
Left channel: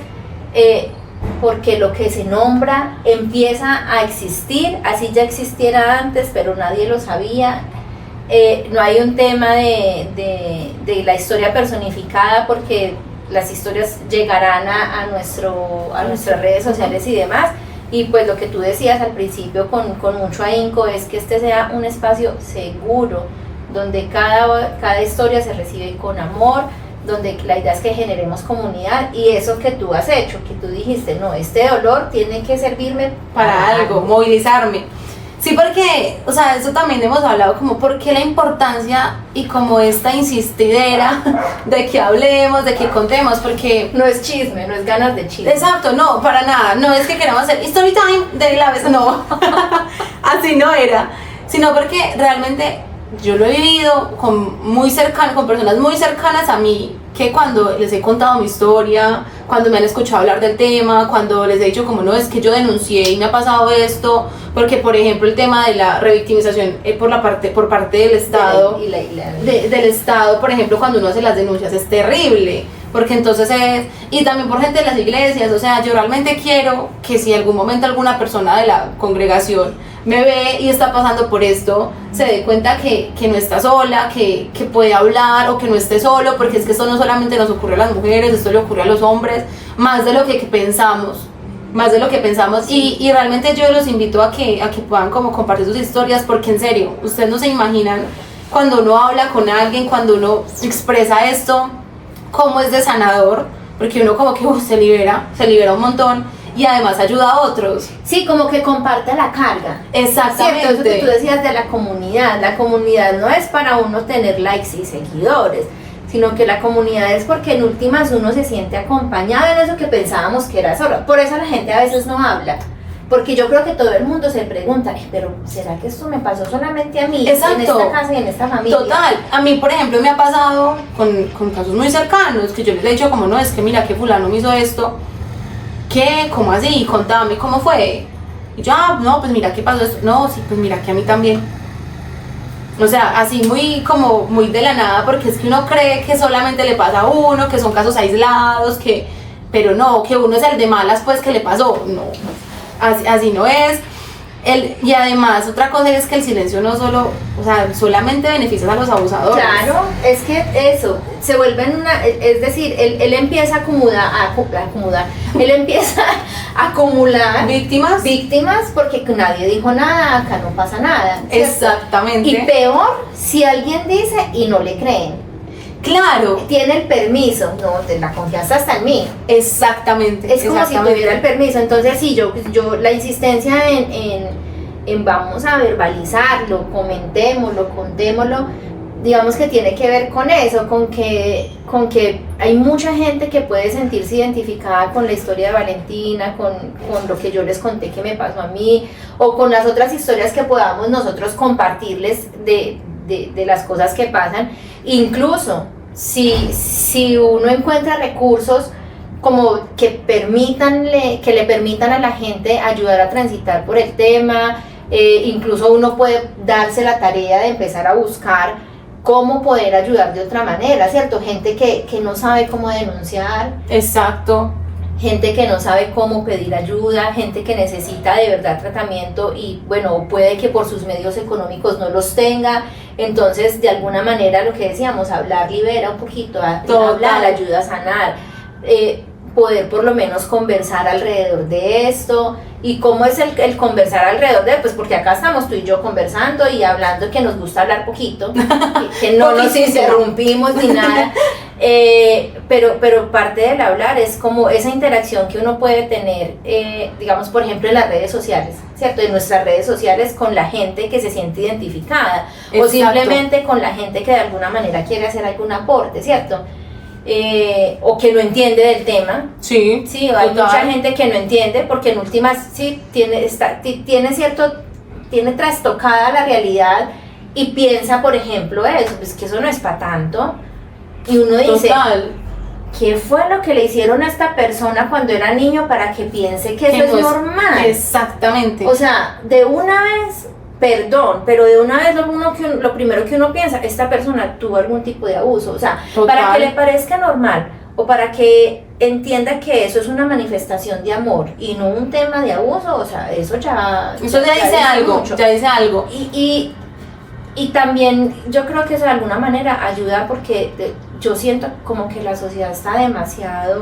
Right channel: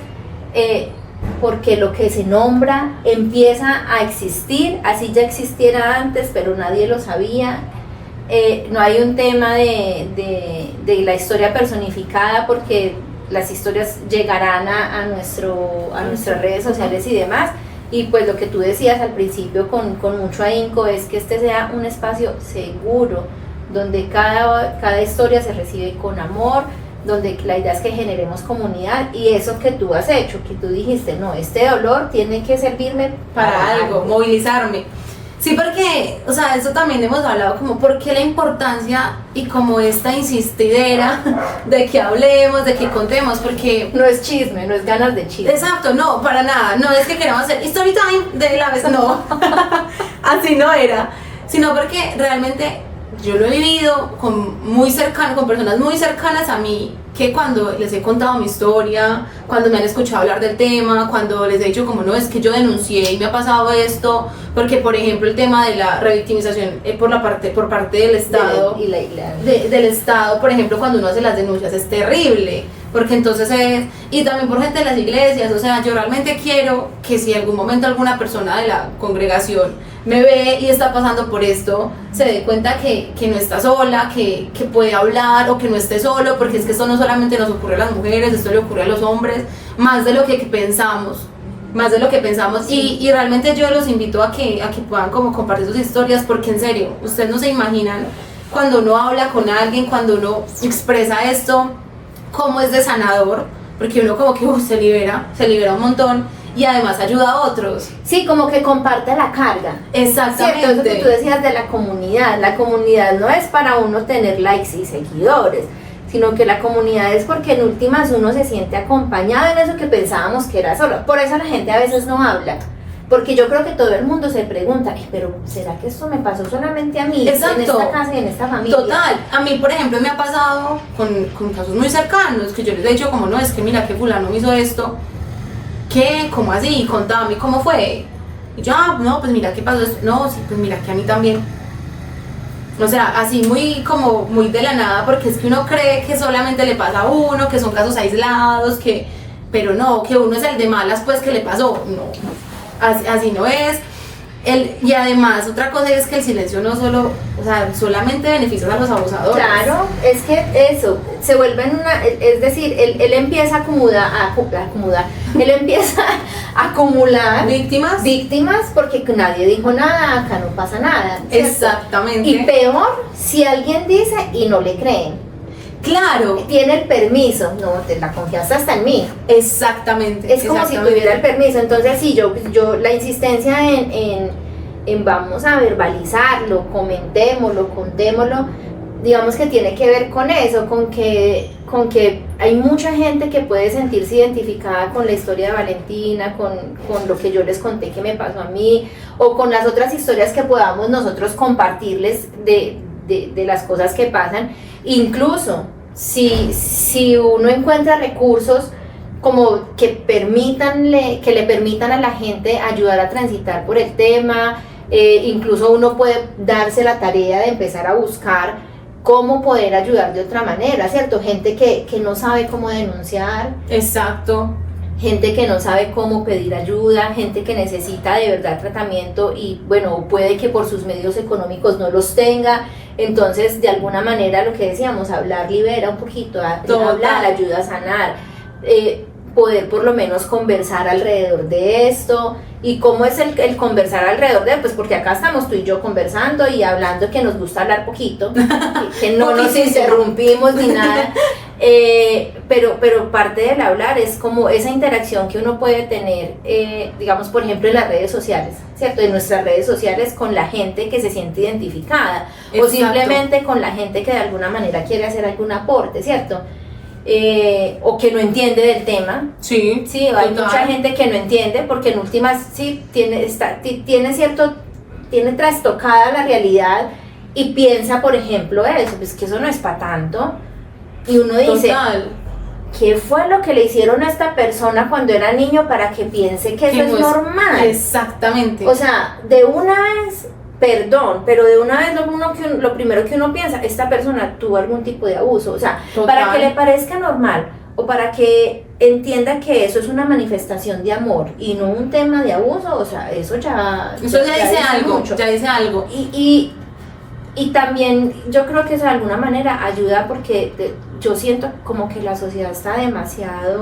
porque lo que se nombra empieza a existir, así ya existiera antes, pero nadie lo sabía. No hay un tema de la historia personificada, porque las historias llegarán a nuestras redes sociales y demás. Y pues lo que tú decías al principio con mucho ahínco es que este sea un espacio seguro, donde cada historia se recibe con amor, donde la idea es que generemos comunidad, y eso que tú has hecho, que tú dijiste, no, este dolor tiene que servirme para algo, movilizarme. Sí, porque, o sea, eso también hemos hablado, como por qué la importancia y como esta insistidera de que hablemos, de que contemos, porque... No es chisme, no es ganas de chisme. Exacto, no, para nada, no es que queramos hacer story time de la vez, no, así no era, sino porque realmente yo lo he vivido con personas muy cercanas a mí, que cuando les he contado mi historia, cuando me han escuchado hablar del tema, cuando les he dicho como no, es que yo denuncié y me ha pasado esto, porque por ejemplo el tema de la revictimización por parte del Estado, del Estado, por ejemplo, cuando uno hace las denuncias es terrible, porque entonces y también por gente de las iglesias, o sea, yo realmente quiero que si en algún momento alguna persona de la congregación me ve y está pasando por esto, se dé cuenta que no está sola, que puede hablar, o que no esté solo, porque es que esto no solamente nos ocurre a las mujeres, esto le ocurre a los hombres, más de lo que pensamos, sí. y realmente yo los invito a que puedan como compartir sus historias, porque en serio, ustedes no se imaginan cuando uno habla con alguien, cuando uno expresa esto, cómo es de sanador, porque uno como que se libera un montón, y además ayuda a otros. Sí, como que comparte la carga. Exactamente. Cierto, eso que tú decías de la comunidad no es para uno tener likes y seguidores, sino que la comunidad es porque en últimas uno se siente acompañado en eso que pensábamos que era solo. Por eso la gente a veces no habla, porque yo creo que todo el mundo se pregunta, pero ¿será que esto me pasó solamente a mí? Exacto. En esta casa y en esta familia. Total, a mí por ejemplo me ha pasado con casos muy cercanos, que yo les he dicho como no, es que mira que fulano me hizo esto. ¿Qué? ¿Cómo así? Contame, ¿cómo fue? Y yo, no, pues mira, ¿qué pasó esto? No, sí, pues mira, que a mí también. O sea, así muy de la nada, porque es que uno cree que solamente le pasa a uno, que son casos aislados, pero no, que uno es el de malas, pues, que le pasó. No, así no es. Y además, otra cosa es que el silencio no solamente beneficia a los abusadores. Claro, es que eso, se vuelven es decir, él empieza a acumular, él empieza a acumular víctimas porque nadie dijo nada, acá no pasa nada, ¿cierto? Exactamente. Y peor, si alguien dice y no le creen. Claro. Tiene el permiso, no, la confianza está en mí. Exactamente. Es como si tuviera el permiso. Entonces sí, yo la insistencia en vamos a verbalizarlo, comentémoslo, contémoslo, digamos que tiene que ver con eso, con que hay mucha gente que puede sentirse identificada con la historia de Valentina, con lo que yo les conté que me pasó a mí, o con las otras historias que podamos nosotros compartirles de las cosas que pasan. Incluso si uno encuentra recursos como que le permitan a la gente ayudar a transitar por el tema, incluso uno puede darse la tarea de empezar a buscar cómo poder ayudar de otra manera, ¿cierto? Gente que no sabe cómo denunciar. Exacto. Gente que no sabe cómo pedir ayuda, gente que necesita de verdad tratamiento y bueno, puede que por sus medios económicos no los tenga. Entonces, de alguna manera, lo que decíamos, hablar libera un poquito, hablar ayuda a sanar, poder por lo menos conversar alrededor de esto. ¿Y cómo es el conversar alrededor de él? Pues porque acá estamos tú y yo conversando y hablando, que nos gusta hablar poquito, que no nos interrumpimos ni nada, pero parte del hablar es como esa interacción que uno puede tener, digamos por ejemplo en las redes sociales, ¿cierto? En nuestras redes sociales con la gente que se siente identificada. Exacto. O simplemente con la gente que de alguna manera quiere hacer algún aporte, ¿cierto? O que no entiende del tema. Sí, hay mucha gente que no entiende porque en últimas sí tiene trastocada la realidad y piensa, por ejemplo, eso, pues que eso no es para tanto. Y uno dice, ¿qué fue lo que le hicieron a esta persona cuando era niño para que piense que eso es normal? Exactamente. O sea, de una vez, perdón, pero de una vez lo primero que uno piensa, esta persona tuvo algún tipo de abuso. O sea, para que le parezca normal o para que entienda que eso es una manifestación de amor y no un tema de abuso, o sea, eso ya dice algo, mucho. ya dice algo. Y también yo creo que eso de alguna manera ayuda porque yo siento como que la sociedad está demasiado,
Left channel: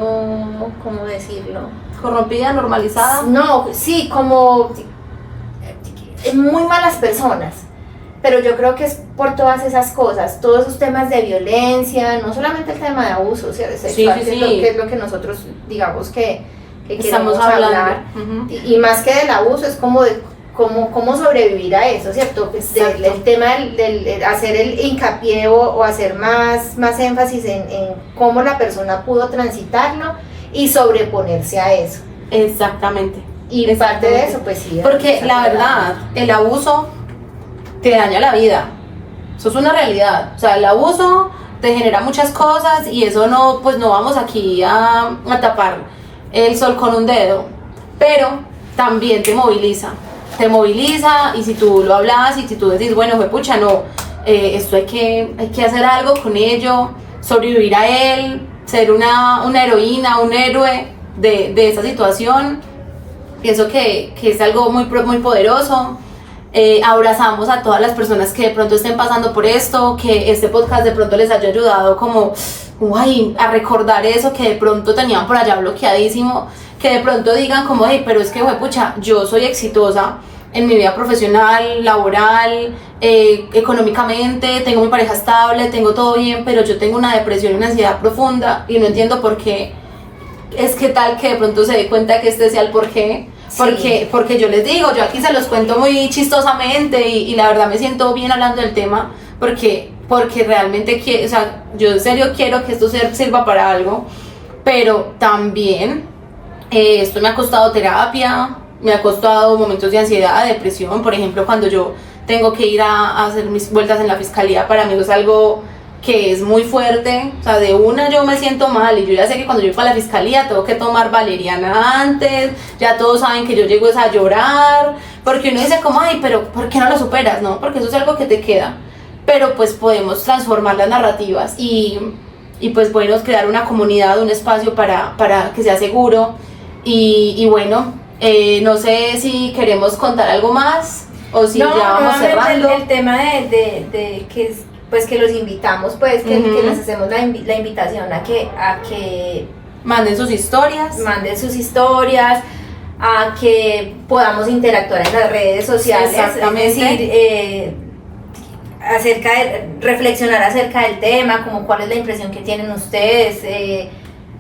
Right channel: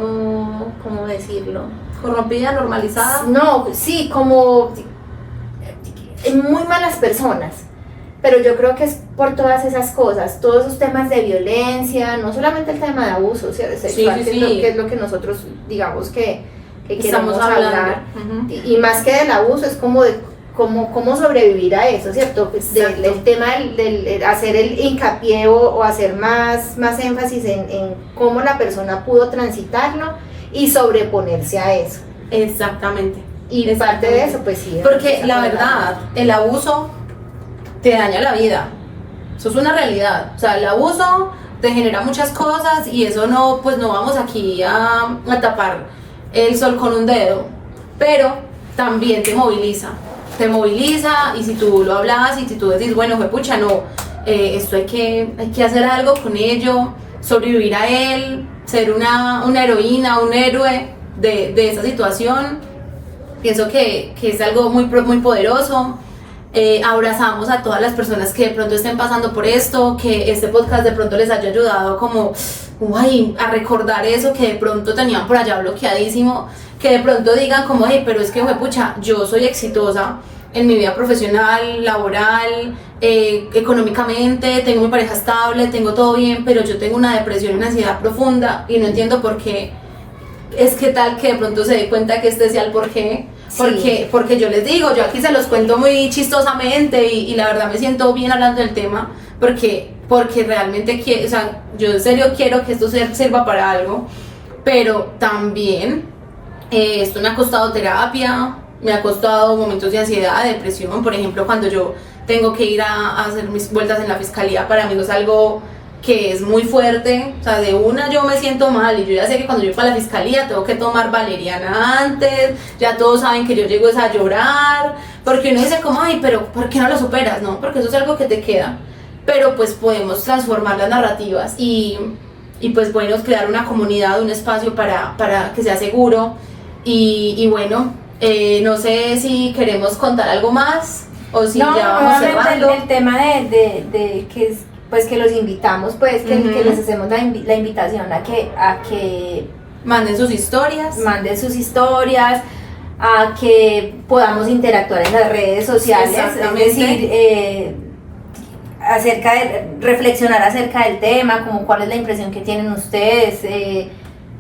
¿cómo decirlo? Corrompida, normalizada. No, sí, como muy malas personas. Pero yo creo que es por todas esas cosas, todos esos temas de violencia, no solamente el tema de abuso sexual, sí, que es lo que nosotros digamos que queremos hablar. Uh-huh. Y más que del abuso, es como de cómo sobrevivir a eso, ¿cierto? Pues el tema del hacer el hincapié o hacer más énfasis en cómo la persona pudo transitarlo y sobreponerse a eso. Exactamente. Y parte de eso, pues sí. Porque la verdad, el abuso te daña la vida. Eso es una realidad. O sea, el abuso te genera muchas cosas y eso no, pues no vamos aquí a tapar el sol con un dedo. Pero también te moviliza y si tú lo hablas y si tú decís, bueno, pucha, no, esto hay que hacer algo con ello, sobrevivir a él, ser una heroína, un héroe de esa situación. Pienso que es algo muy poderoso. Abrazamos a todas las personas que de pronto estén pasando por esto, que este podcast de pronto les haya ayudado como a recordar eso que de pronto tenían por allá bloqueadísimo, que de pronto digan como, pero es que pucha, yo soy exitosa en mi vida profesional, laboral, económicamente, tengo mi pareja estable, tengo todo bien, pero yo tengo una depresión y una ansiedad profunda y no entiendo por qué. Es que tal que de pronto se dé cuenta que este sea el por qué. Porque yo les digo, yo aquí se los cuento muy chistosamente y la verdad me siento bien hablando del tema porque realmente quiero, o sea, yo en serio quiero que esto sirva para algo, pero también esto me ha costado terapia, me ha costado momentos de ansiedad, de depresión. Por ejemplo, cuando yo tengo que ir a hacer mis vueltas en la fiscalía, para mí eso es algo que es muy fuerte, o sea, de una yo me siento mal y yo ya sé que cuando yo voy a la fiscalía tengo que tomar valeriana antes, ya todos saben que yo llego a llorar, porque uno dice como, pero ¿por qué no lo superas? No, porque eso es algo que te queda, pero pues podemos transformar las narrativas y pues bueno, crear una comunidad, un espacio para que sea seguro y bueno, no sé si queremos contar algo más o si ya vamos cerrando. El tema de que es, pues que los invitamos, pues que les hacemos la invitación a que manden sus historias, a que podamos interactuar en las redes sociales, es decir, reflexionar acerca del tema, como cuál es la impresión que tienen ustedes,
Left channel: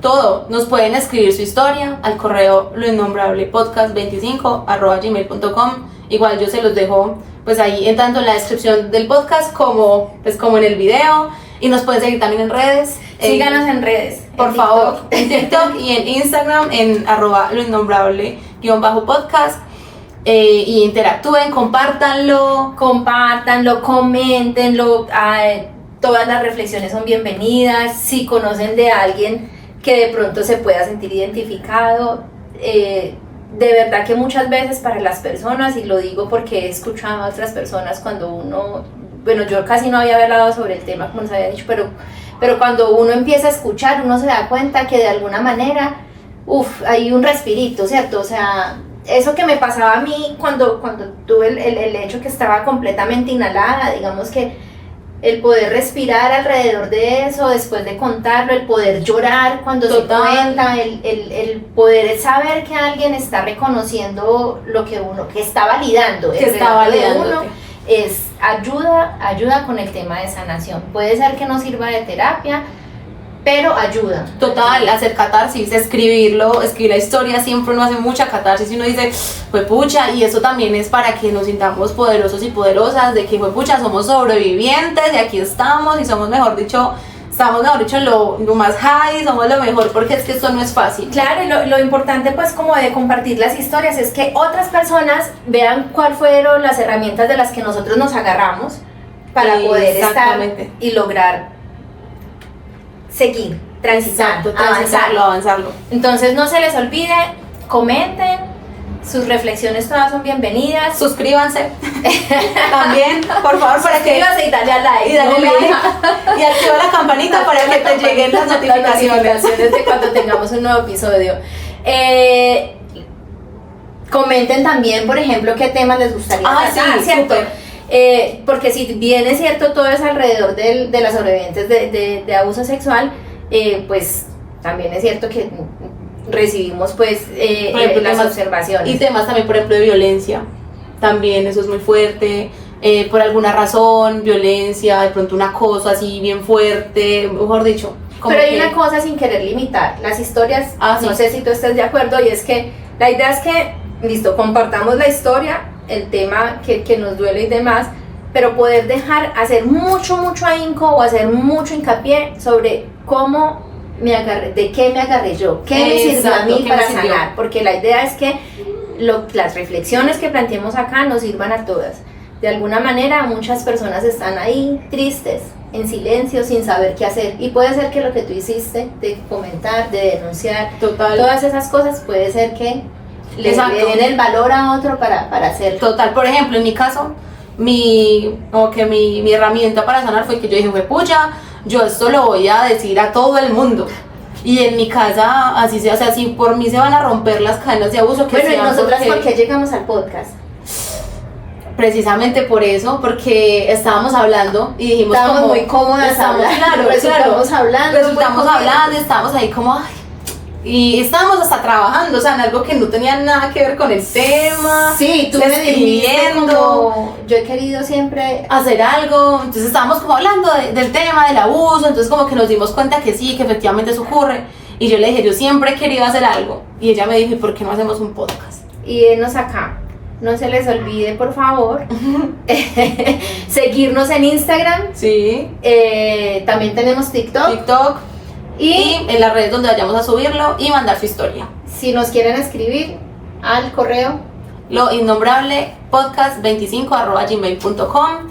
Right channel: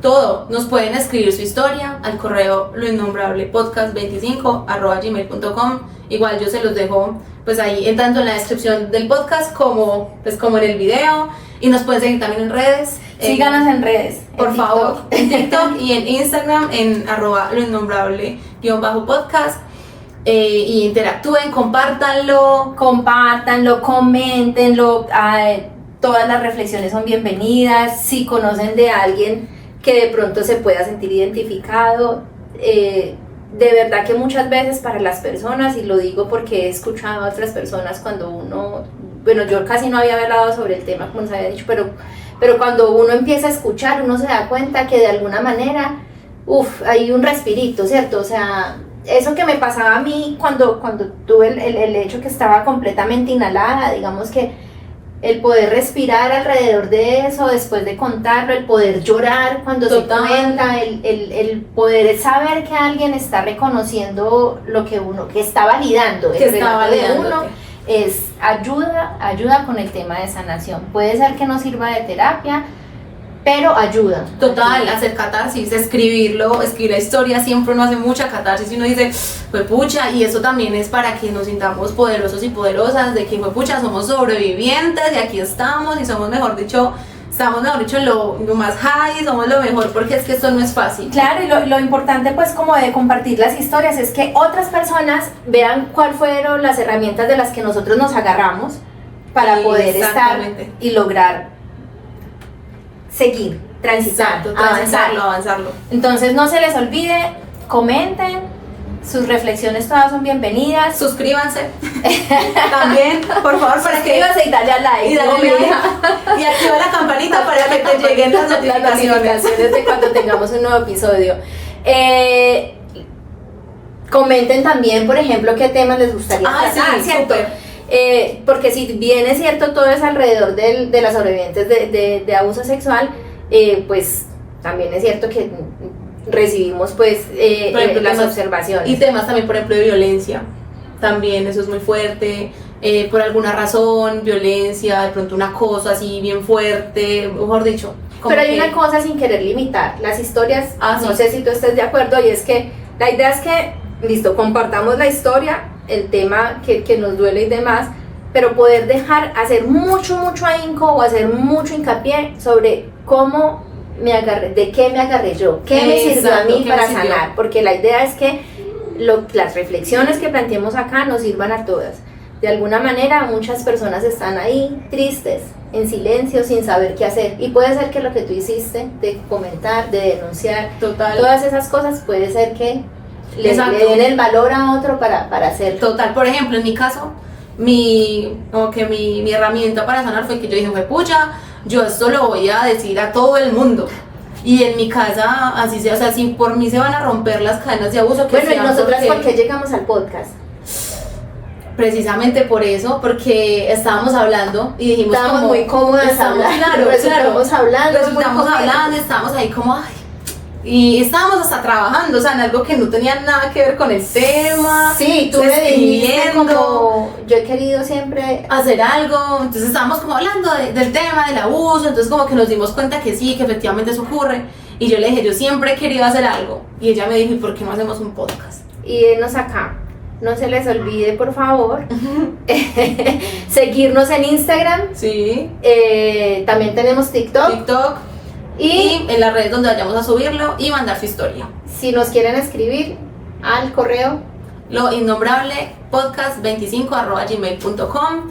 todo. Nos pueden escribir su historia al correo loinnombrablepodcast25@gmail.com. Igual yo se los dejo pues ahí tanto en la descripción del podcast como en el video, y nos pueden seguir también en redes. Síganos en redes, por favor, en TikTok y en Instagram en @loinnombrable_podcast, y interactúen, compártanlo, coméntenlo, todas las reflexiones son bienvenidas. Si conocen de alguien que de pronto se pueda sentir identificado, de verdad que muchas veces para las personas, y lo digo porque he escuchado a otras personas cuando uno, bueno, yo casi no había hablado sobre el tema como les había dicho, pero cuando uno empieza a escuchar, uno se da cuenta que de alguna manera, hay un respirito, ¿cierto? O sea, eso que me pasaba a mí cuando tuve el hecho que estaba completamente inhalada, digamos que el poder respirar alrededor de eso, después de contarlo, el poder llorar cuando se cuenta, el poder saber que alguien está reconociendo lo que uno, que está validando, que está validando de uno, es ayuda con el tema de sanación. Puede ser que no sirva de terapia, pero ayuda. Total, hacer catarsis, escribir la historia, siempre uno hace mucha catarsis y uno dice, pues pucha, y eso también es para que nos sintamos poderosos y poderosas, de que pues pucha, somos sobrevivientes y aquí estamos y somos mejor dicho lo más high, somos lo mejor, porque es que esto no es fácil. Claro, y lo importante pues como de compartir las historias es que otras personas vean cuáles fueron las herramientas de las que nosotros nos agarramos para poder estar y lograr seguir, transitar, avanzarlo. Entonces no se les olvide, comenten Sus reflexiones todas son bienvenidas. Suscríbanse también, por favor, para que... Suscríbanse y dale a like. Y dale like. Y activa la campanita para que te lleguen las notificaciones de cuando tengamos un nuevo episodio. Comenten también, por ejemplo, qué temas les gustaría tratar, sí, ¿cierto? Porque si bien es cierto, todo es alrededor de las sobrevivientes de abuso sexual, pues también es cierto que recibimos pues las observaciones. Y temas también, por ejemplo, de violencia, también eso es muy fuerte, por alguna razón, violencia, de pronto una cosa así bien fuerte, mejor dicho. Pero hay una cosa sin querer limitar, las historias, no sí. sé si tú estés de acuerdo, y es que la idea es que, listo, compartamos la historia, el tema que nos duele y demás, pero poder hacer mucho ahínco o hacer mucho hincapié sobre cómo me agarré, de qué me agarré yo, qué me sirvió a mí para sanar, porque la idea es que las reflexiones que planteemos acá nos sirvan a todas. De alguna manera muchas personas están ahí tristes, en silencio, sin saber qué hacer, y puede ser que lo que tú hiciste de comentar, de denunciar, todas esas cosas, puede ser que le den el valor a otro para hacerlo. Total, por ejemplo, en mi caso, mi herramienta para sanar fue que yo dije, pucha, yo esto lo voy a decir a todo el mundo. Y en mi casa, así sea, o sea, si por mí se van a romper las cadenas de abuso, que bueno, ¿y nosotras por qué llegamos al podcast? Precisamente por eso, porque estábamos hablando y dijimos, estábamos muy cómodas hablando, resultamos hablando, y estábamos ahí como, ay, y estábamos hasta trabajando, o sea, en algo que no tenía nada que ver con el tema. Sí, tú me dijiste como, yo he querido siempre hacer algo, entonces estábamos como hablando del tema, del abuso, entonces como que nos dimos cuenta que sí, que efectivamente eso ocurre, y yo le dije, yo siempre he querido hacer algo, y ella me dijo, ¿y por qué no hacemos un podcast? Y denos acá, no se les olvide, por favor, seguirnos en Instagram, sí, también tenemos TikTok, y en las redes donde vayamos a subirlo y mandar su historia. Si nos quieren escribir al correo loinnombrablepodcast25@gmail.com.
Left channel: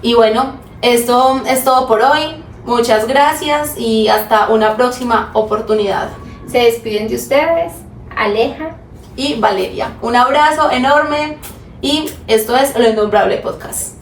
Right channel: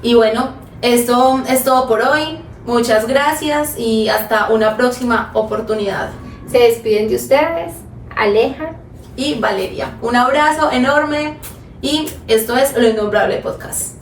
Y bueno, esto es todo por hoy. Muchas gracias y hasta una próxima oportunidad. Se despiden de ustedes Aleja y Valeria. Un abrazo enorme y esto es Lo Innombrable Podcast.